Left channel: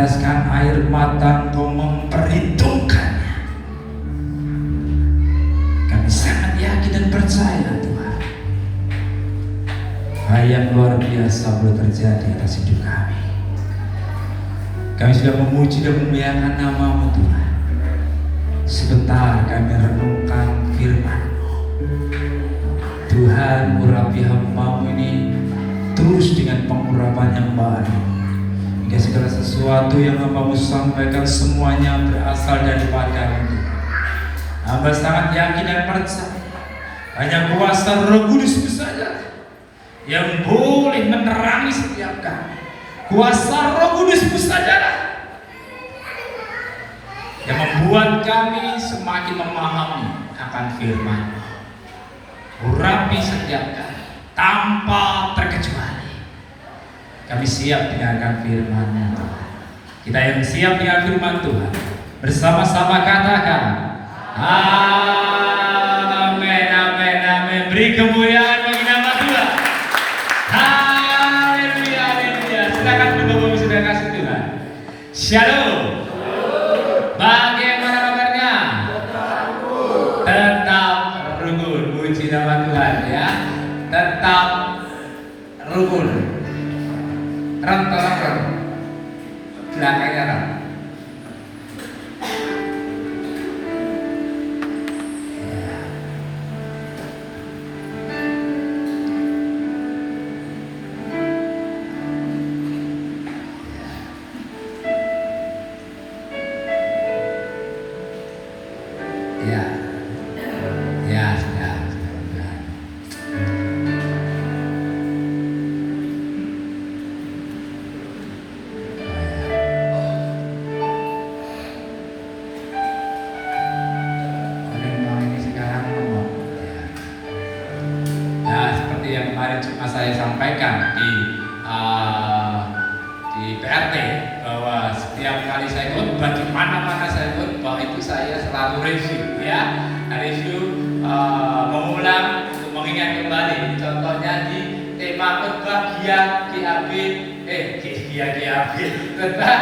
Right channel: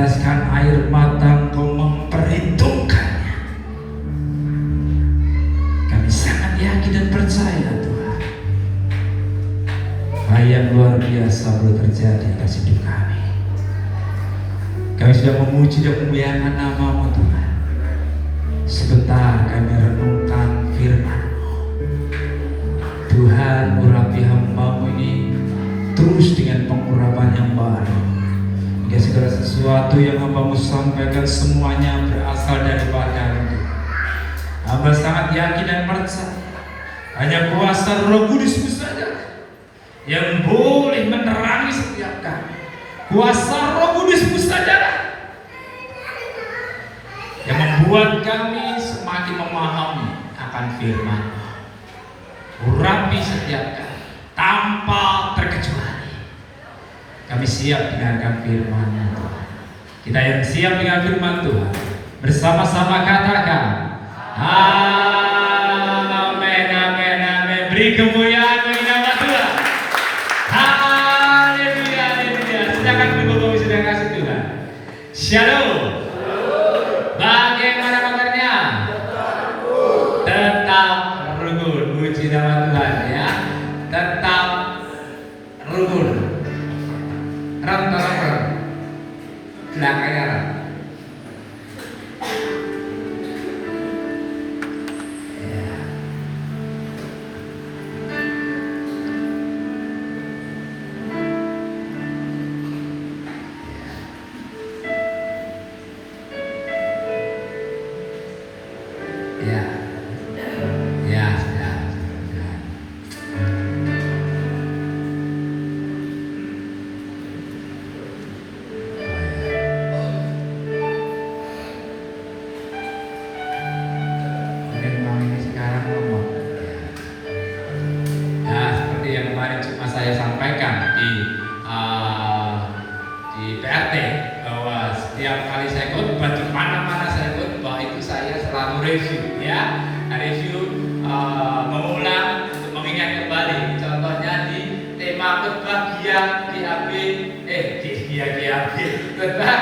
meneteskan air mata, Engkau memperhitungkannya. Kami sangat yakin dan percaya Tuhan, hal yang luar biasa boleh terjadi atas hidup kami. Kami sudah memuji dan memuliakan nama-Mu Tuhan. Sebentar kami renungkan firman-Mu. Tuhan, urapi hamba-Mu ini terus dengan pengurapan yang baru. Hingga segala sesuatu yang hamba-Mu sampaikan semuanya berasal daripada Tuhan. Hamba sangat yakin dan percaya hanya kuasa Roh Kudus saja yang boleh menerangi setiap kami. Kuasa Roh Kudus sajalah yang membuat kami semakin memahami akan firman. Urapi setiap kami tanpa terkecuali. Kami siap dengarkan firman Tuhan. Kita yang siap dengan firman Tuhan, bersama-sama katakan amin, amin, amin. Beri kemuliaan bagi nama Tuhan. Haleluya, haleluya. Silakan Bapak sudah kasih Tuhan. Shalom. Bagaimana kabarnya? Tetap rukun. Puji nama Tuhan ya. Tetap rukun. Rem. Belakangnya rem. Saya sampaikan di PRT bahwa setiap kali saya khotbah di mana-mana saya khotbah itu saya selalu review ya, mengulang untuk mengingat kembali. Contohnya di tema khotbah GAB khotbah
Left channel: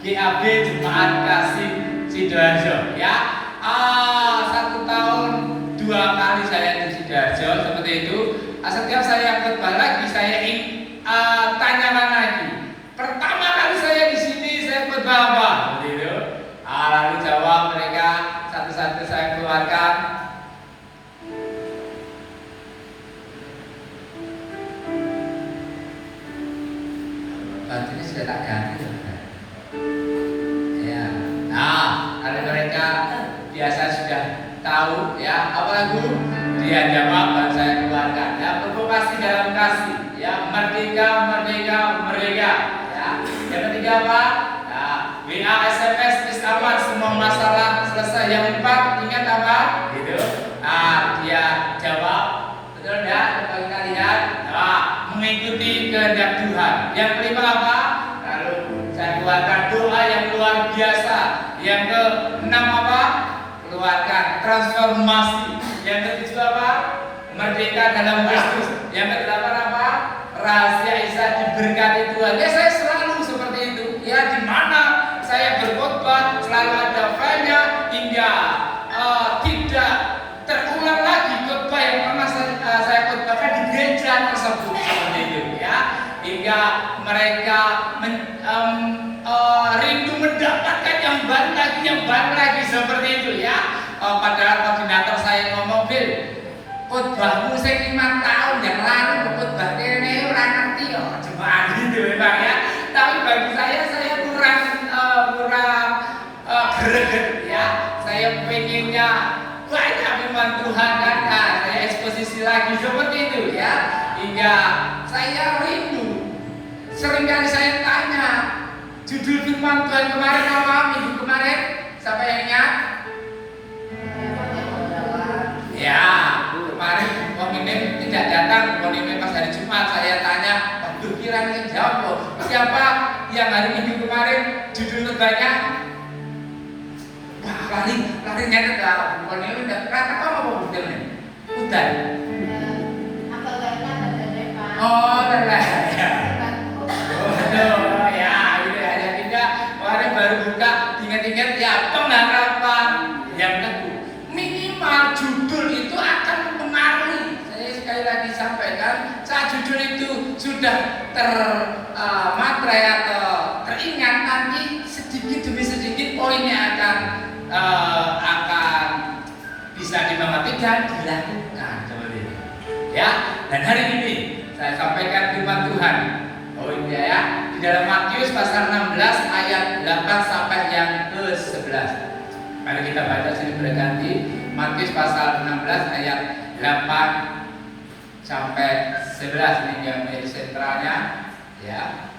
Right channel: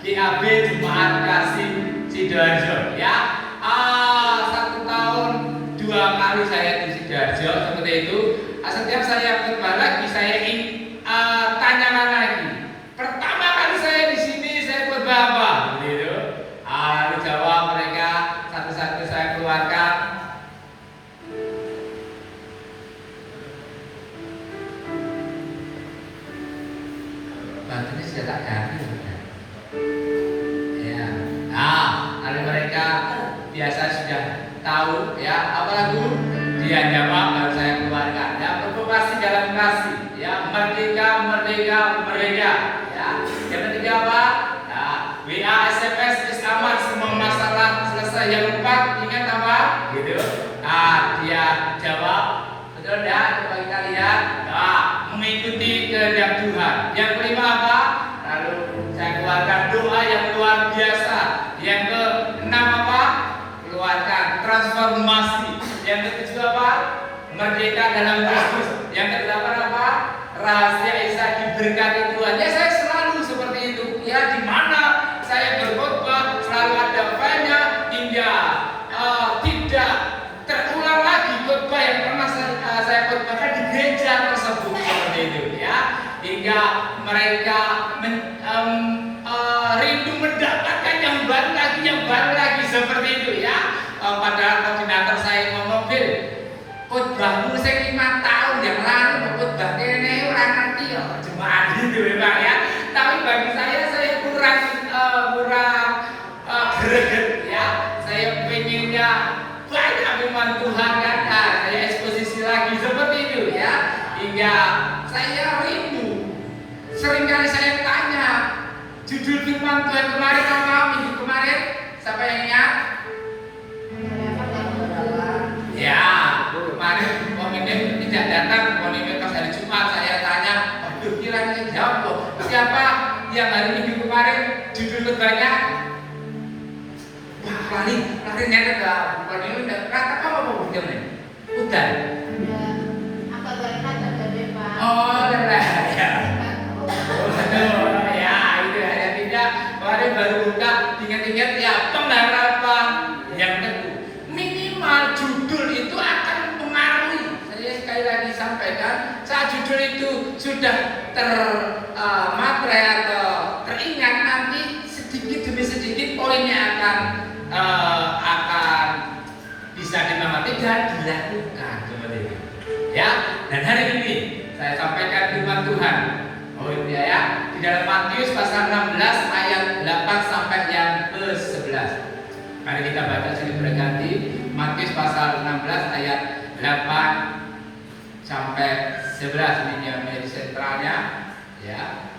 GAB Jemaat Kasih Sidoarjo ya. 1 tahun 2 kali saya di Sidoarjo seperti itu. Setiap saya khotbah lagi, saya ingin tanyakan lagi. Pertama kali saya di sini, saya khotbah apa? Gitu. Lalu jawab mereka satu-satu saya keluarkan. Batunya sudah tak ganti. Ya. Lalu mereka biasa sudah tahu ya apa lagu? Dia jawab dan saya keluarkan. Ya, provokasi dalam kasih. Ya, merdeka, merdeka, merdeka. Ya, yang ketiga apa? Ya, WA, SMS, aman, semua masalah selesai. Yang 4 ingat apa? Gitu. Dia jawab, betul ya? Coba kita lihat. Mengikuti kehendak Tuhan. Yang kelima apa? Lalu saya keluarkan doa yang luar biasa. Yang ke-6 apa? Keluarkan transformasi. Yang ke-7 apa? Merdeka dalam Kristus. Yang ke-8 apa? Rahasia Isa diberkati Tuhan. Ya, saya selalu seperti itu. Ya, di mana saya berkhotbah selalu ada filenya hingga tidak terulang lagi khotbah yang pernah saya khotbahkan di gereja tersebut seperti itu ya. Hingga mereka rindu mendapatkan yang baru lagi seperti itu ya. Padahal koordinator saya ngomong, "Bil, khotbahmu sing 5 tahun yang lalu khotbah kene ora ngerti yo jemaat gitu memang ya." Tapi bagi saya kurang greget ya. Saya pengennya banyak firman Tuhan kan. Saya eksposisi lagi seperti itu ya. Hingga saya rindu. Seringkali saya tanya, judul firman Tuhan kemarin apa? Minggu kemarin siapa yang ingat? Ya, kemarin pemimpin tidak datang. Pemimpin pas hari Jumat saya tanya, waduh kiranya jawab siapa yang hari Minggu kemarin judul khotbahnya? Wah, lari nyatet lah. Pemimpin kata apa judulnya? Udan. Oh, lelah. Ya, itu ada tidak sudah termatrai atau teringat, nanti sedikit demi sedikit poinnya akan bisa dimengerti dan dilakukan seperti ini. Ya, dan hari ini saya sampaikan firman Tuhan. Oh iya ya, di dalam Matius pasal 16 ayat 8 sampai yang ke-11. Mari kita baca silih berganti. Matius pasal 16 ayat 8 sampai 11, ini yang menjadi sentralnya. Ya,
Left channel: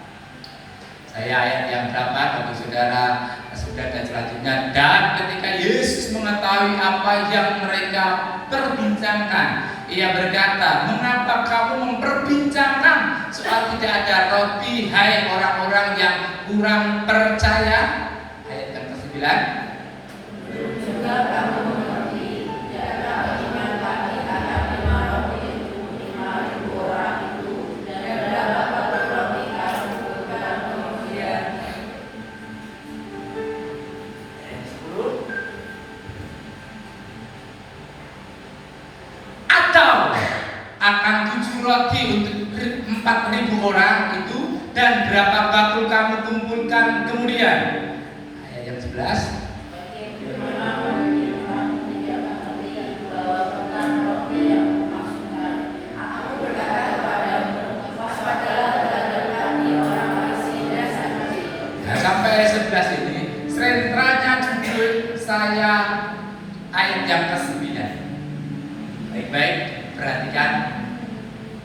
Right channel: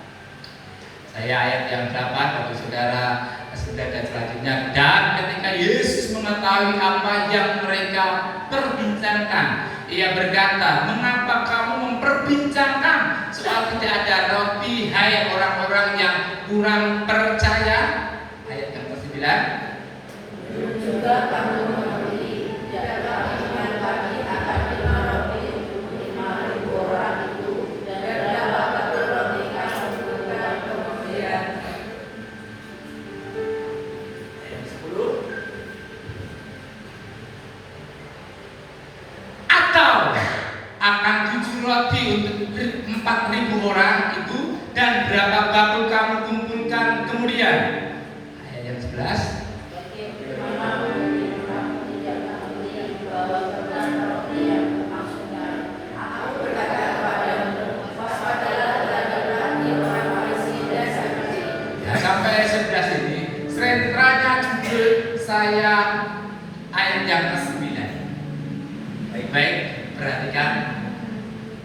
saya ayat yang berapa bagi saudara sudah dan selanjutnya. Dan ketika Yesus mengetahui apa yang mereka perbincangkan, ia berkata, mengapa kamu memperbincangkan soal tidak ada roti, hai orang-orang yang kurang percaya? Ayat yang ke-9. Juga kamu mengerti, tidak ada iman lagi akan 5 roti untuk 5.000 orang itu, dan berapa roti kamu butuhkan kemudian? Ayat 10. Atau akan 7 roti untuk 4.000 orang itu, dan berapa bakul kamu kumpulkan kemudian? Ayat yang 11. Sampai 11 ini sentralnya judul saya ayat yang ke-9. Baik-baik, perhatikan.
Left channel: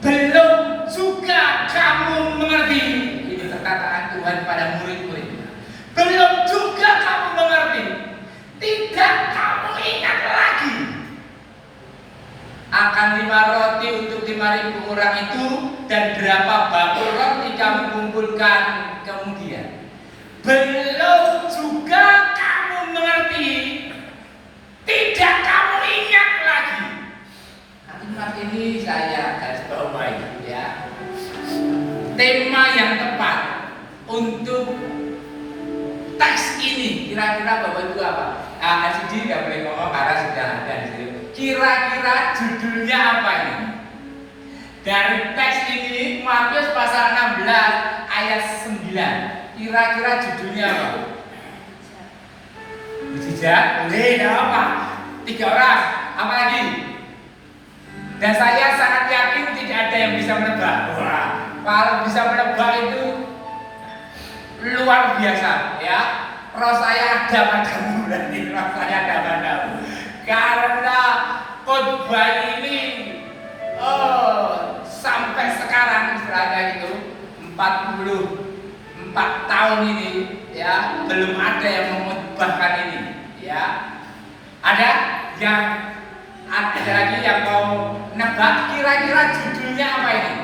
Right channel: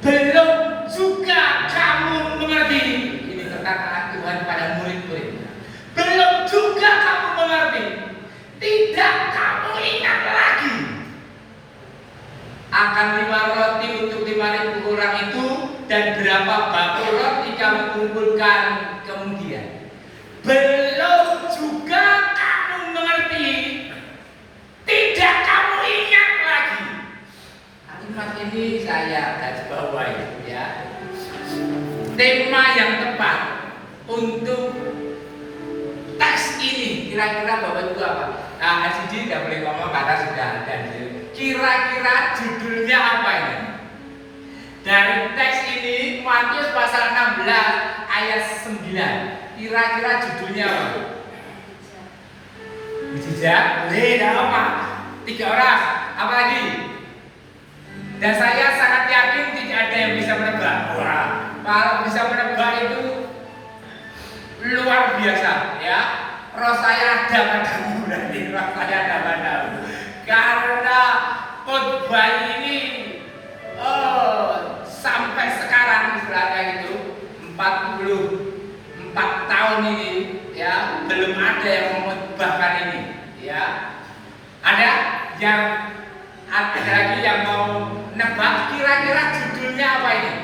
Belum juga kamu mengerti. Ini perkataan Tuhan pada murid-murid. Belum juga kamu mengerti. Tidak kamu ingat lagi akan 5 roti untuk 5.000 orang itu, dan berapa bakul roti kamu kumpulkan kemudian. Belum juga kamu mengerti. Tidak kamu ingat lagi. Kalimat ini saya garis bawahi ya. Tema yang tepat untuk teks ini kira-kira Bapak Ibu apa? Sidi tidak boleh ngomong karena sudah ada di sini. Kira-kira judulnya apa ini? Dari teks ini Matius pasal 16 ayat 9. Kira-kira judulnya apa? Mujizat? Boleh, tidak apa? 3 orang. Apa lagi? Dan saya sangat yakin tidak ada yang bisa menebak. Wah, kalau bisa menebak itu luar biasa, ya. Roh saya ada padamu, berarti roh saya ada padamu. Karena khotbah ini sampai sekarang istilahnya itu 44 tahun ini, ya, belum ada yang mengkhotbahkan ini, ya. Ada lagi yang mau nebak kira-kira judulnya apa ini?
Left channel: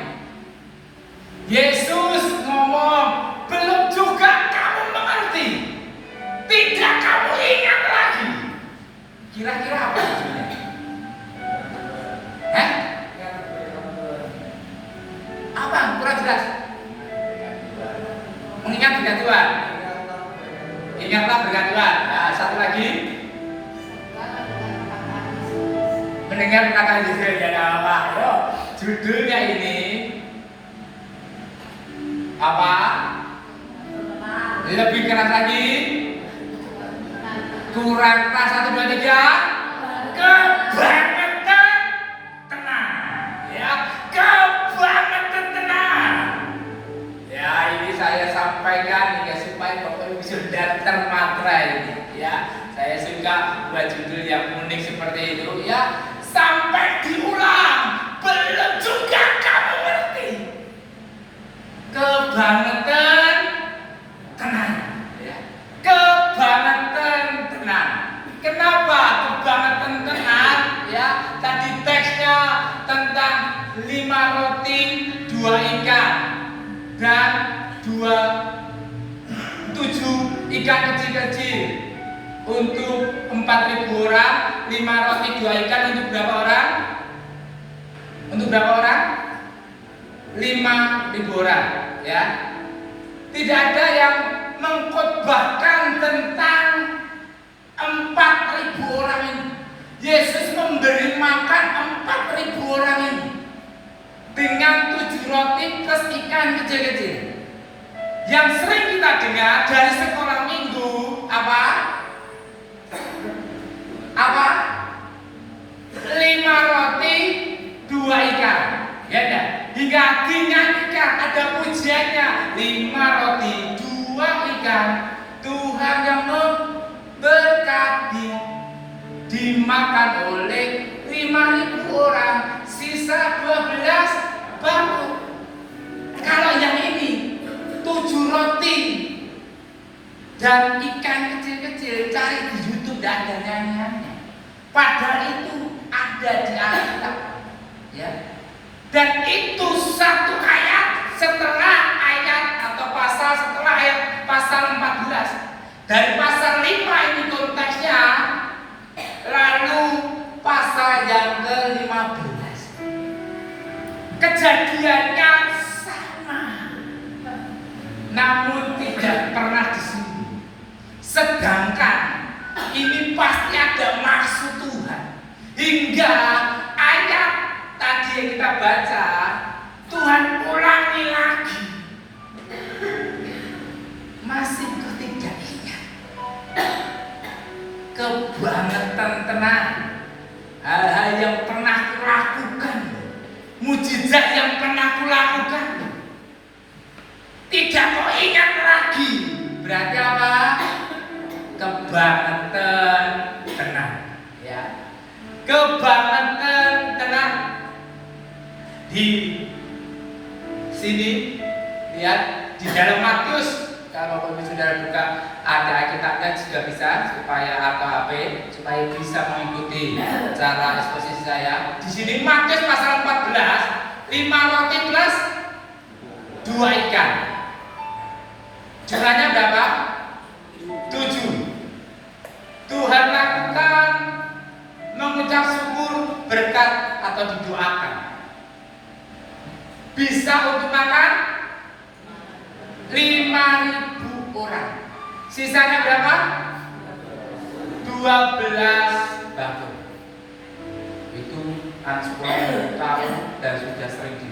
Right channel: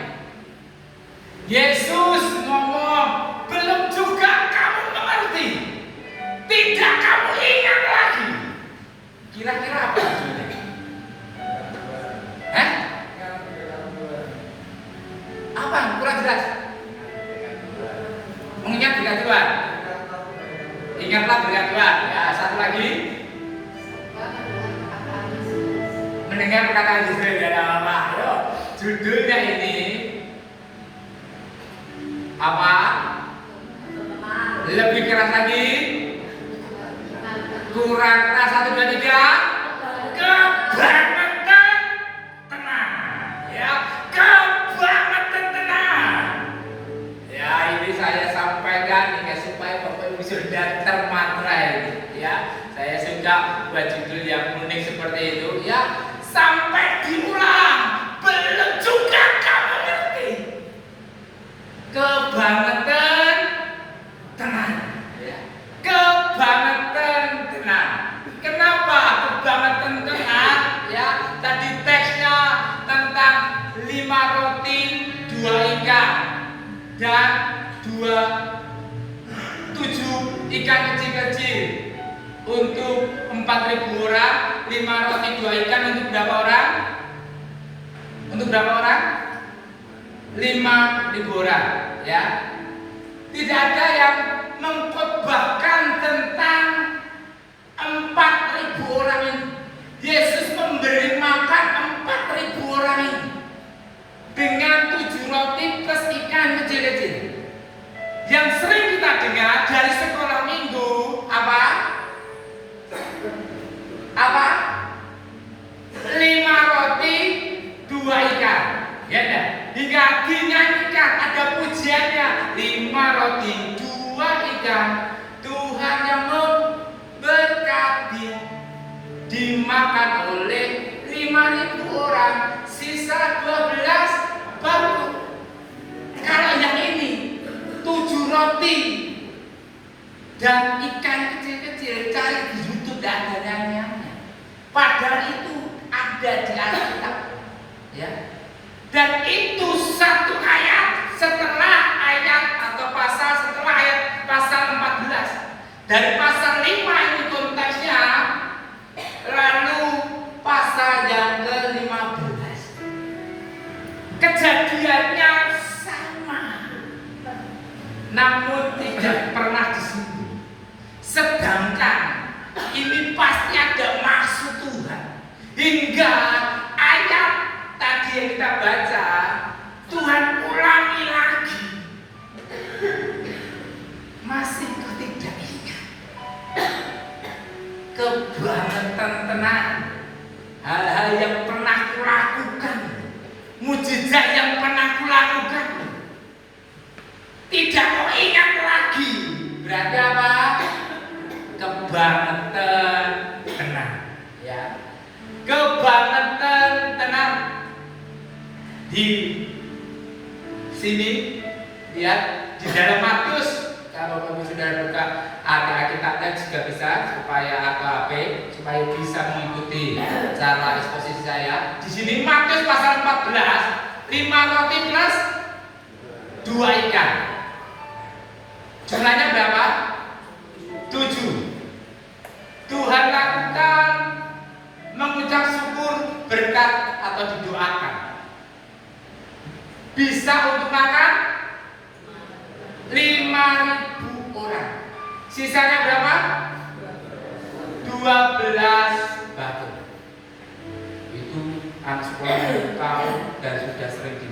Yesus ngomong, belum juga kamu mengerti, tidak kamu ingat lagi. Kira-kira apa judulnya? Apa? Kurang jelas. Mengingat berkat Tuhan. Ingatlah berkat Tuhan. Ya, satu lagi. Mendengar perkataan Yesus. Ya, apa? Yo, judulnya ini apa? Lebih keras lagi. Kurang keras, 1, 2, 3. Kebangetan tenang. Ya, kebangetan tenang. Ya, ini saya sampaikan ya supaya Bapak Ibu sudah termatrai. Ya, saya suka buat judul yang unik seperti itu. Ya, sampai diulang. Belum juga kamu ngerti. Kebangetan tenang. Ya, kebangetan tenang. Kenapa kebangetan tenang? Ya, tadi teksnya tentang 5 roti 2 ikan dan 7 ikan kecil-kecil untuk 4.000 orang. 5 roti 2 ikan untuk berapa orang? Untuk berapa orang? 5.000 orang, ya. Tidak ada yang mengkhotbahkan tentang 4.000 orang ini. Yesus memberi makan 4.000 orang ini dengan 7 roti plus ikan kecil-kecil. Yang sering kita dengar dari sekolah minggu apa? 5 roti 2 ikan. Ya enggak? Hingga dinyanyikan ada pujiannya, 5 roti 2 ikan, Tuhan yang memberkati. Dimakan oleh 5.000 orang, sisa 12 baru. Kalau yang ini 7 roti dan ikan kecil-kecil, cari di YouTube dan ada nyanyiannya. Padahal itu ada di Alkitab, ya. Dan itu satu ayat setelah ayat atau pasal setelah ayat pasal 14. Dari pasal 5 ini konteksnya, lalu pasal yang ke-15. Kejadiannya sama, namun tidak pernah disinggung. Sedangkan ini pasti ada maksud Tuhan. Hingga ayat tadi yang kita baca, Tuhan ulangi lagi. Masih kau tidak ingat? Kebangetan tenang, hal-hal yang pernah kulakukan, mujizat yang pernah kulakukan, tidak kau ingat lagi. Berarti apa? Kebangetan tenang, ya. Kebangetan tenang. Di sini lihat di dalam Matius, kalau saudara buka ada Alkitabnya juga bisa, supaya AKP supaya bisa mengikuti cara eksposisi saya. Di sini Matius pasal 14, 5 roti plus 2 ikan. Jumlahnya berapa? 7. Tuhan lakukan mengucap syukur, berkat atau didoakan. Bisa untuk makan 5.000 orang. Sisanya berapa? 12 bakul. Itu anak sekolah tahun dan sudah sering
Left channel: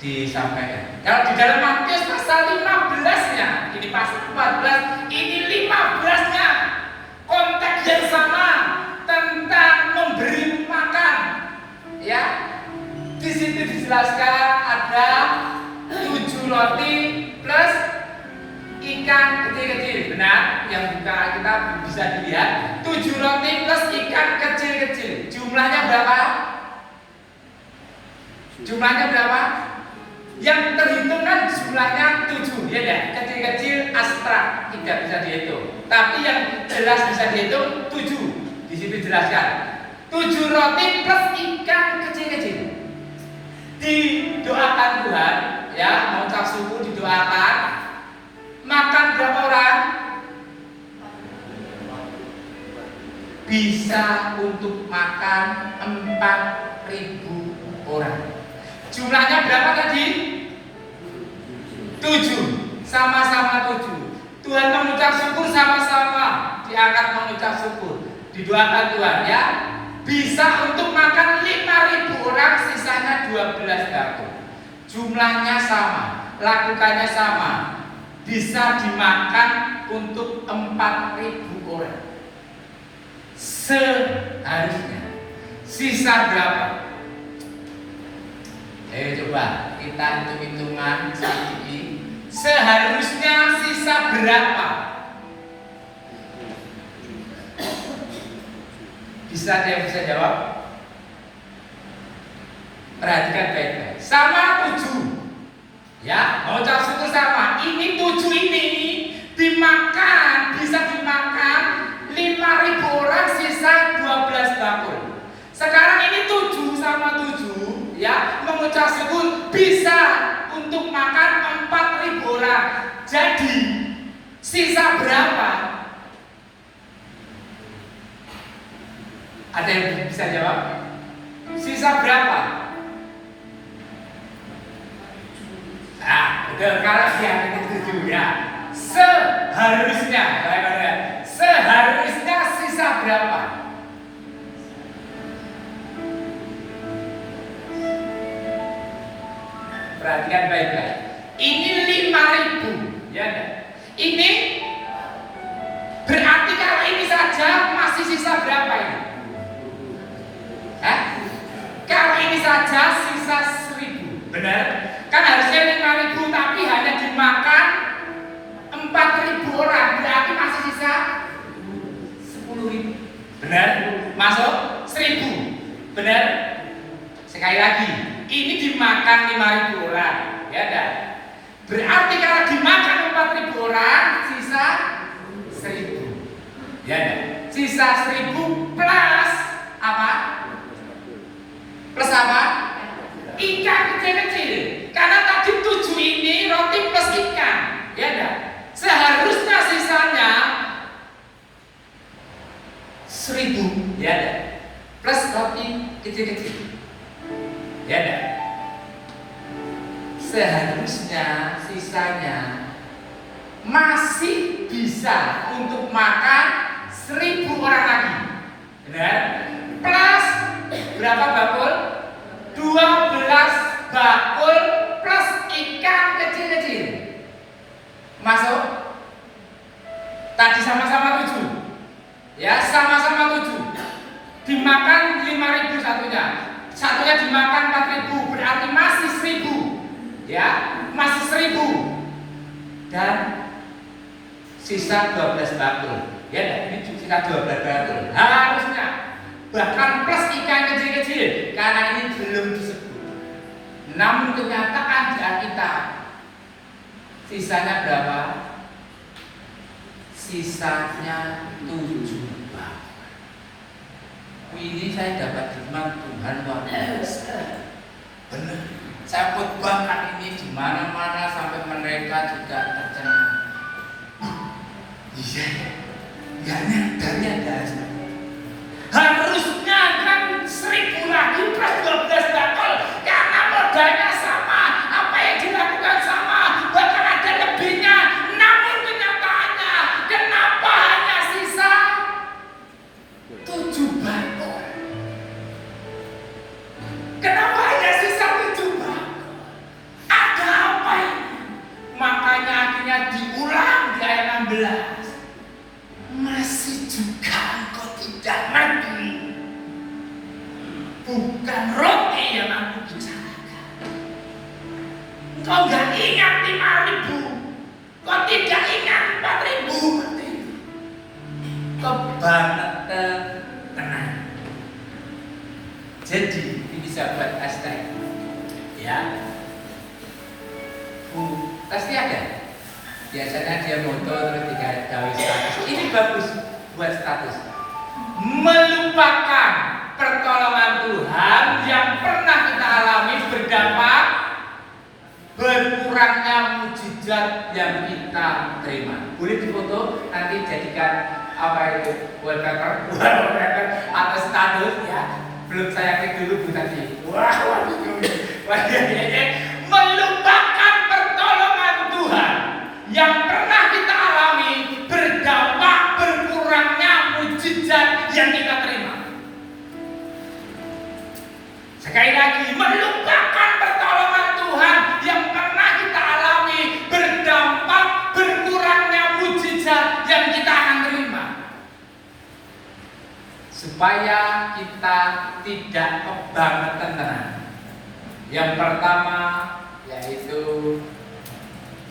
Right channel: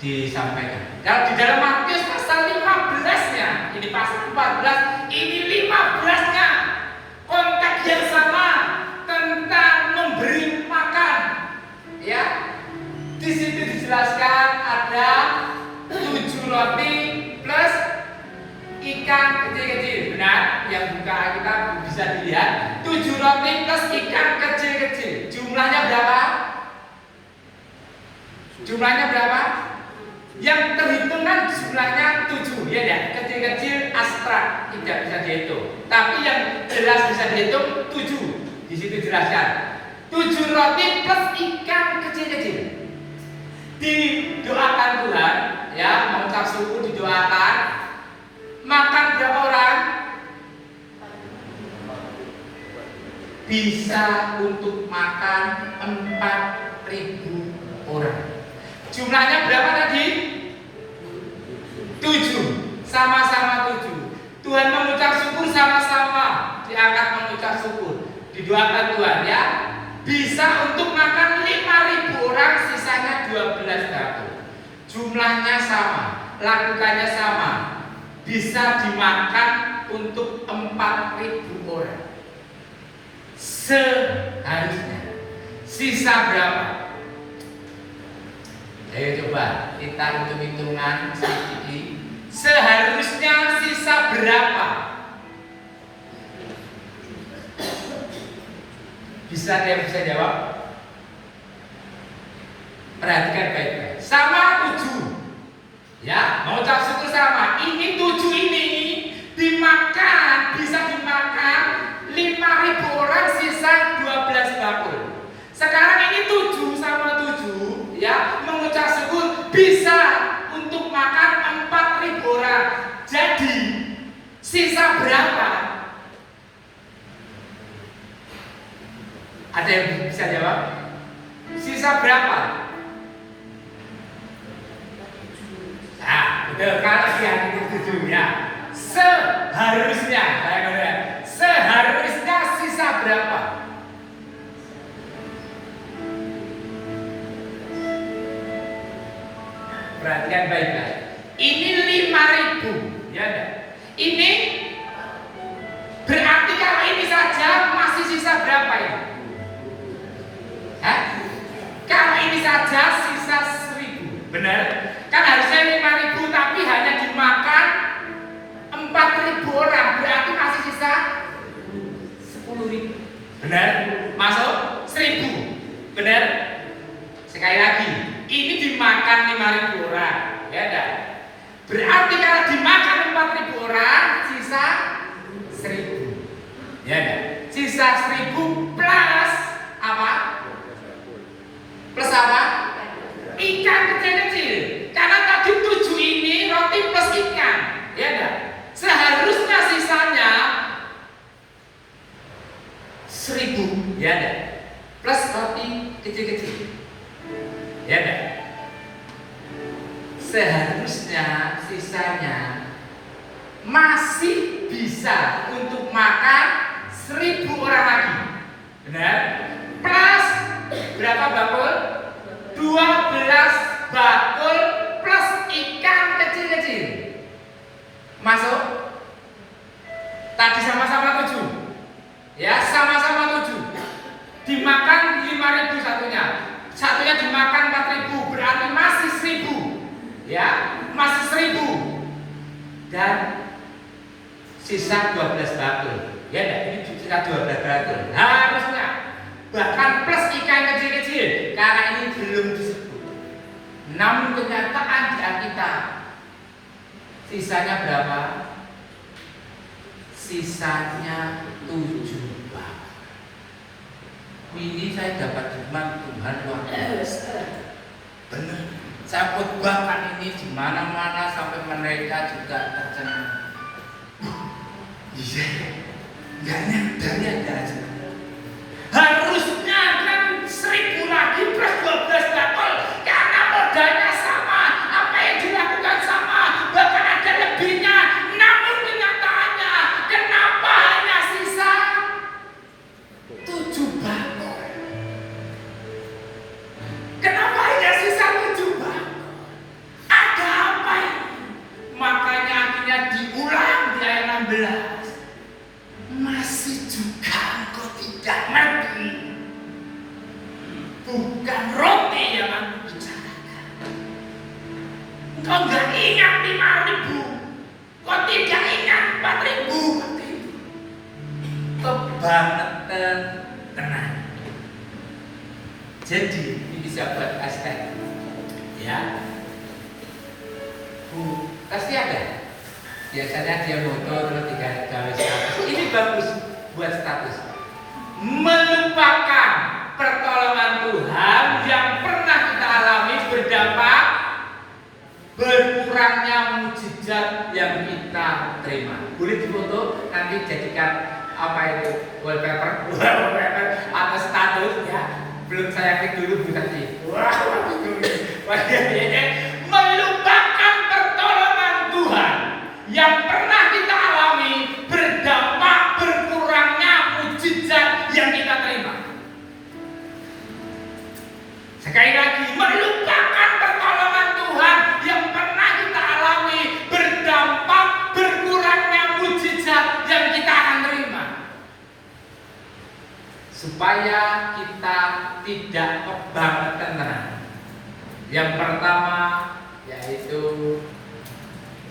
disampaikan. Kalau di dalam Matius pasal 15-nya, ini pasal 14, ini 15-nya. Konteks yang sama tentang memberi makan. Ya. Di situ dijelaskan ada 7 roti plus ikan kecil-kecil. Benar, yang buka kita bisa dilihat 7 roti plus ikan kecil-kecil. Jumlahnya berapa? Jumlahnya berapa? Yang terhitung kan jumlahnya 7, ya enggak? Kecil-kecil abstrak, tidak bisa dihitung. Tapi yang jelas bisa dihitung 7. Di situ jelaskan 7 roti plus ikan kecil-kecil. Didoakan Tuhan, ya, mengucap syukur didoakan. Makan berapa orang? Bisa untuk makan 4.000 orang. Jumlahnya berapa tadi? 7. Sama-sama 7. Tuhan mengucap syukur sama-sama. Diangkat mengucap syukur. Didoakan Tuhan, ya. Bisa untuk makan 5.000 orang, sisanya 12 bakul. Jumlahnya sama, lakukannya sama. Bisa dimakan untuk 4.000 orang. Seharusnya. Sisa berapa? Coba kita hitung-hitungan sedikit. Seharusnya sisa berapa? Bisa ada yang bisa jawab? Perhatikan baik-baik. Sama 7. Ya, mau ucap syukur sama. Ini 7 ini dimakan, bisa dimakan 5.000 orang, sisa 12 bakul. Sekarang ini 7 sama 7, ya, mengucap syukur bisa untuk makan 4.000 orang. Jadi sisa berapa? Ada yang bisa jawab? Sisa berapa? Nah, betul, kalau yang itu ya. Seharusnya, seharusnya sisa berapa? perhatikan baik-baik. Ini 5.000, ya enggak? Ini berarti kalau ini saja masih sisa berapa ini? Hah? Kalau ini saja sisa 1.000, benar? Kan harusnya 5.000 tapi hanya dimakan 4.000 orang, berarti masih sisa 10.000. Benar? Masuk 1.000. Benar? Sekali lagi, ini dimakan 5.000 orang, ya enggak? Berarti kalau dimakan 4.000 orang, sisa 1.000. Ya enggak? Sisa 1.000 plus apa? Plus apa? Ikan kecil-kecil. Karena tadi 7 ini roti plus ikan, ya enggak? Seharusnya sisanya 1.000, ya enggak? Plus roti kecil-kecil, ya enggak? Seharusnya sisanya masih bisa untuk makan 1.000 orang lagi, benar? Plus berapa bakul? 12 bakul plus ikan kecil-kecil. Masuk? Tadi sama-sama 7. Ya, sama-sama 7. Dimakan 5.000 satunya. Satunya dimakan 4.000, berarti masih 1.000. Ya, masih 1.000. Dan sisa 12 bakul. Ya enggak? Ini sisa 12 bakul. Harusnya bahkan plus ikan kecil-kecil, karena ini belum disebut. Namun kenyataan di Alkitab sisanya berapa? Sisanya 7 bakul. Ini saya dapat firman Tuhan luar biasa. Benar. Saya khotbahkan ini di mana-mana sampai mereka juga tercengang. Iya, nggak nyadar ya aja. Harusnya kan 1.000 lagi plus 12 bakul, karena modalnya sama, apa yang dilakukan sama, bahkan ada lebihnya. Namun kenyataannya, kenapa hanya sisa 7 bakul? Kenapa hanya sisa 7 bakul? Ada apa ini? Makanya akhirnya diulang di ayat 16. Masih juga engkau tidak mengerti. Bukan roti yang aku bicarakan. Engkau nggak ingat 5.000. Kau tidak ingat 4.000. Kebangetan tenang. Jadi ini sahabat hashtag, ya. Pasti ada. Biasanya dia foto terus digawe status. Ini bagus buat status. Melupakan pertolongan Tuhan yang pernah kita alami berdampak berkurangnya mukjizat yang kita terima. Boleh difoto, nanti jadikan apa itu wallpaper atau status, ya. Belum saya klik dulu tadi. Melupakan pertolongan Tuhan yang pernah kita alami berdampak berkurangnya mukjizat yang kita terima. Sekali lagi, melupakan pertolongan Tuhan yang pernah kita alami berdampak berkurangnya mukjizat yang kita akan terima. Supaya kita tidak kebangetan tenang. Yang pertama yaitu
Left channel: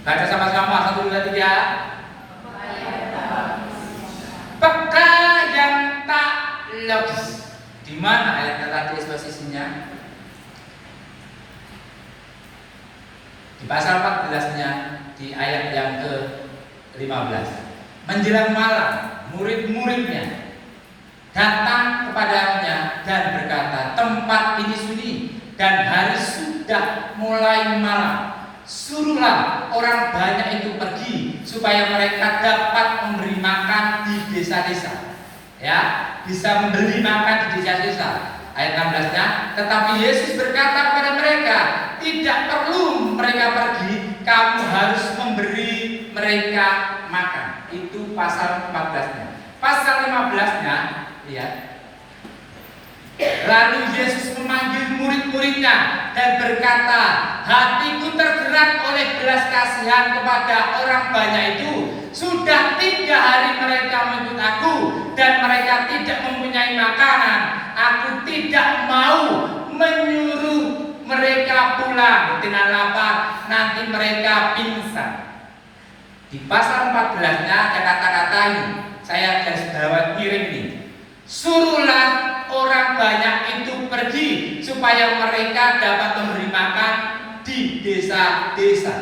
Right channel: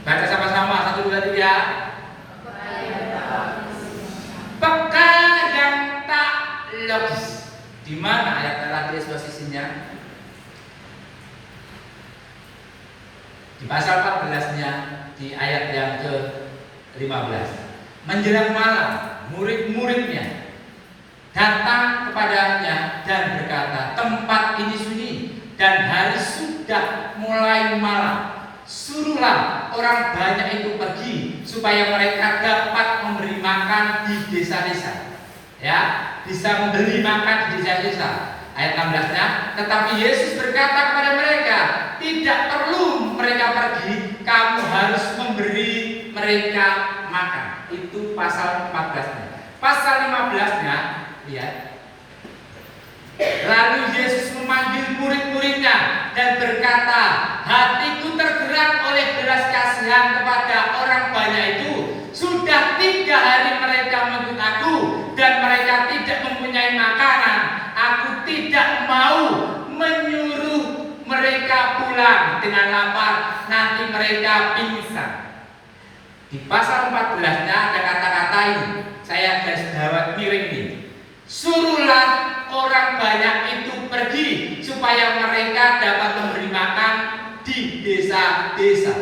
baca sama-sama 1, 2, 3. Peka yang tak logis. Di mana ayat tadi posisinya? Di pasal 14-nya, di ayat yang ke-15. Menjelang malam, murid-muridnya datang kepadanya dan berkata, tempat ini sunyi dan hari sudah mulai malam. Suruhlah orang banyak itu pergi supaya mereka dapat memberi makan di desa-desa. Ya, bisa memberi makan di desa-desa. Ayat 16-nya, tetapi Yesus berkata kepada mereka, tidak perlu mereka pergi, kamu harus memberi mereka makan. Itu pasal 14-nya. Pasal 15-nya, lihat. Lalu Yesus memanggil murid-muridnya dan berkata, hatiku tergerak oleh belas kasihan kepada orang banyak itu. Sudah 3 hari mereka menuntut aku dan mereka tidak mempunyai makanan. Aku tidak mau menyuruh mereka pulang dengan lapar, nanti mereka pingsan. Di pasal 14-nya ada kata-kata ini, saya garis bawah miring ini. Suruhlah orang banyak itu pergi supaya mereka dapat memberi makan di desa-desa.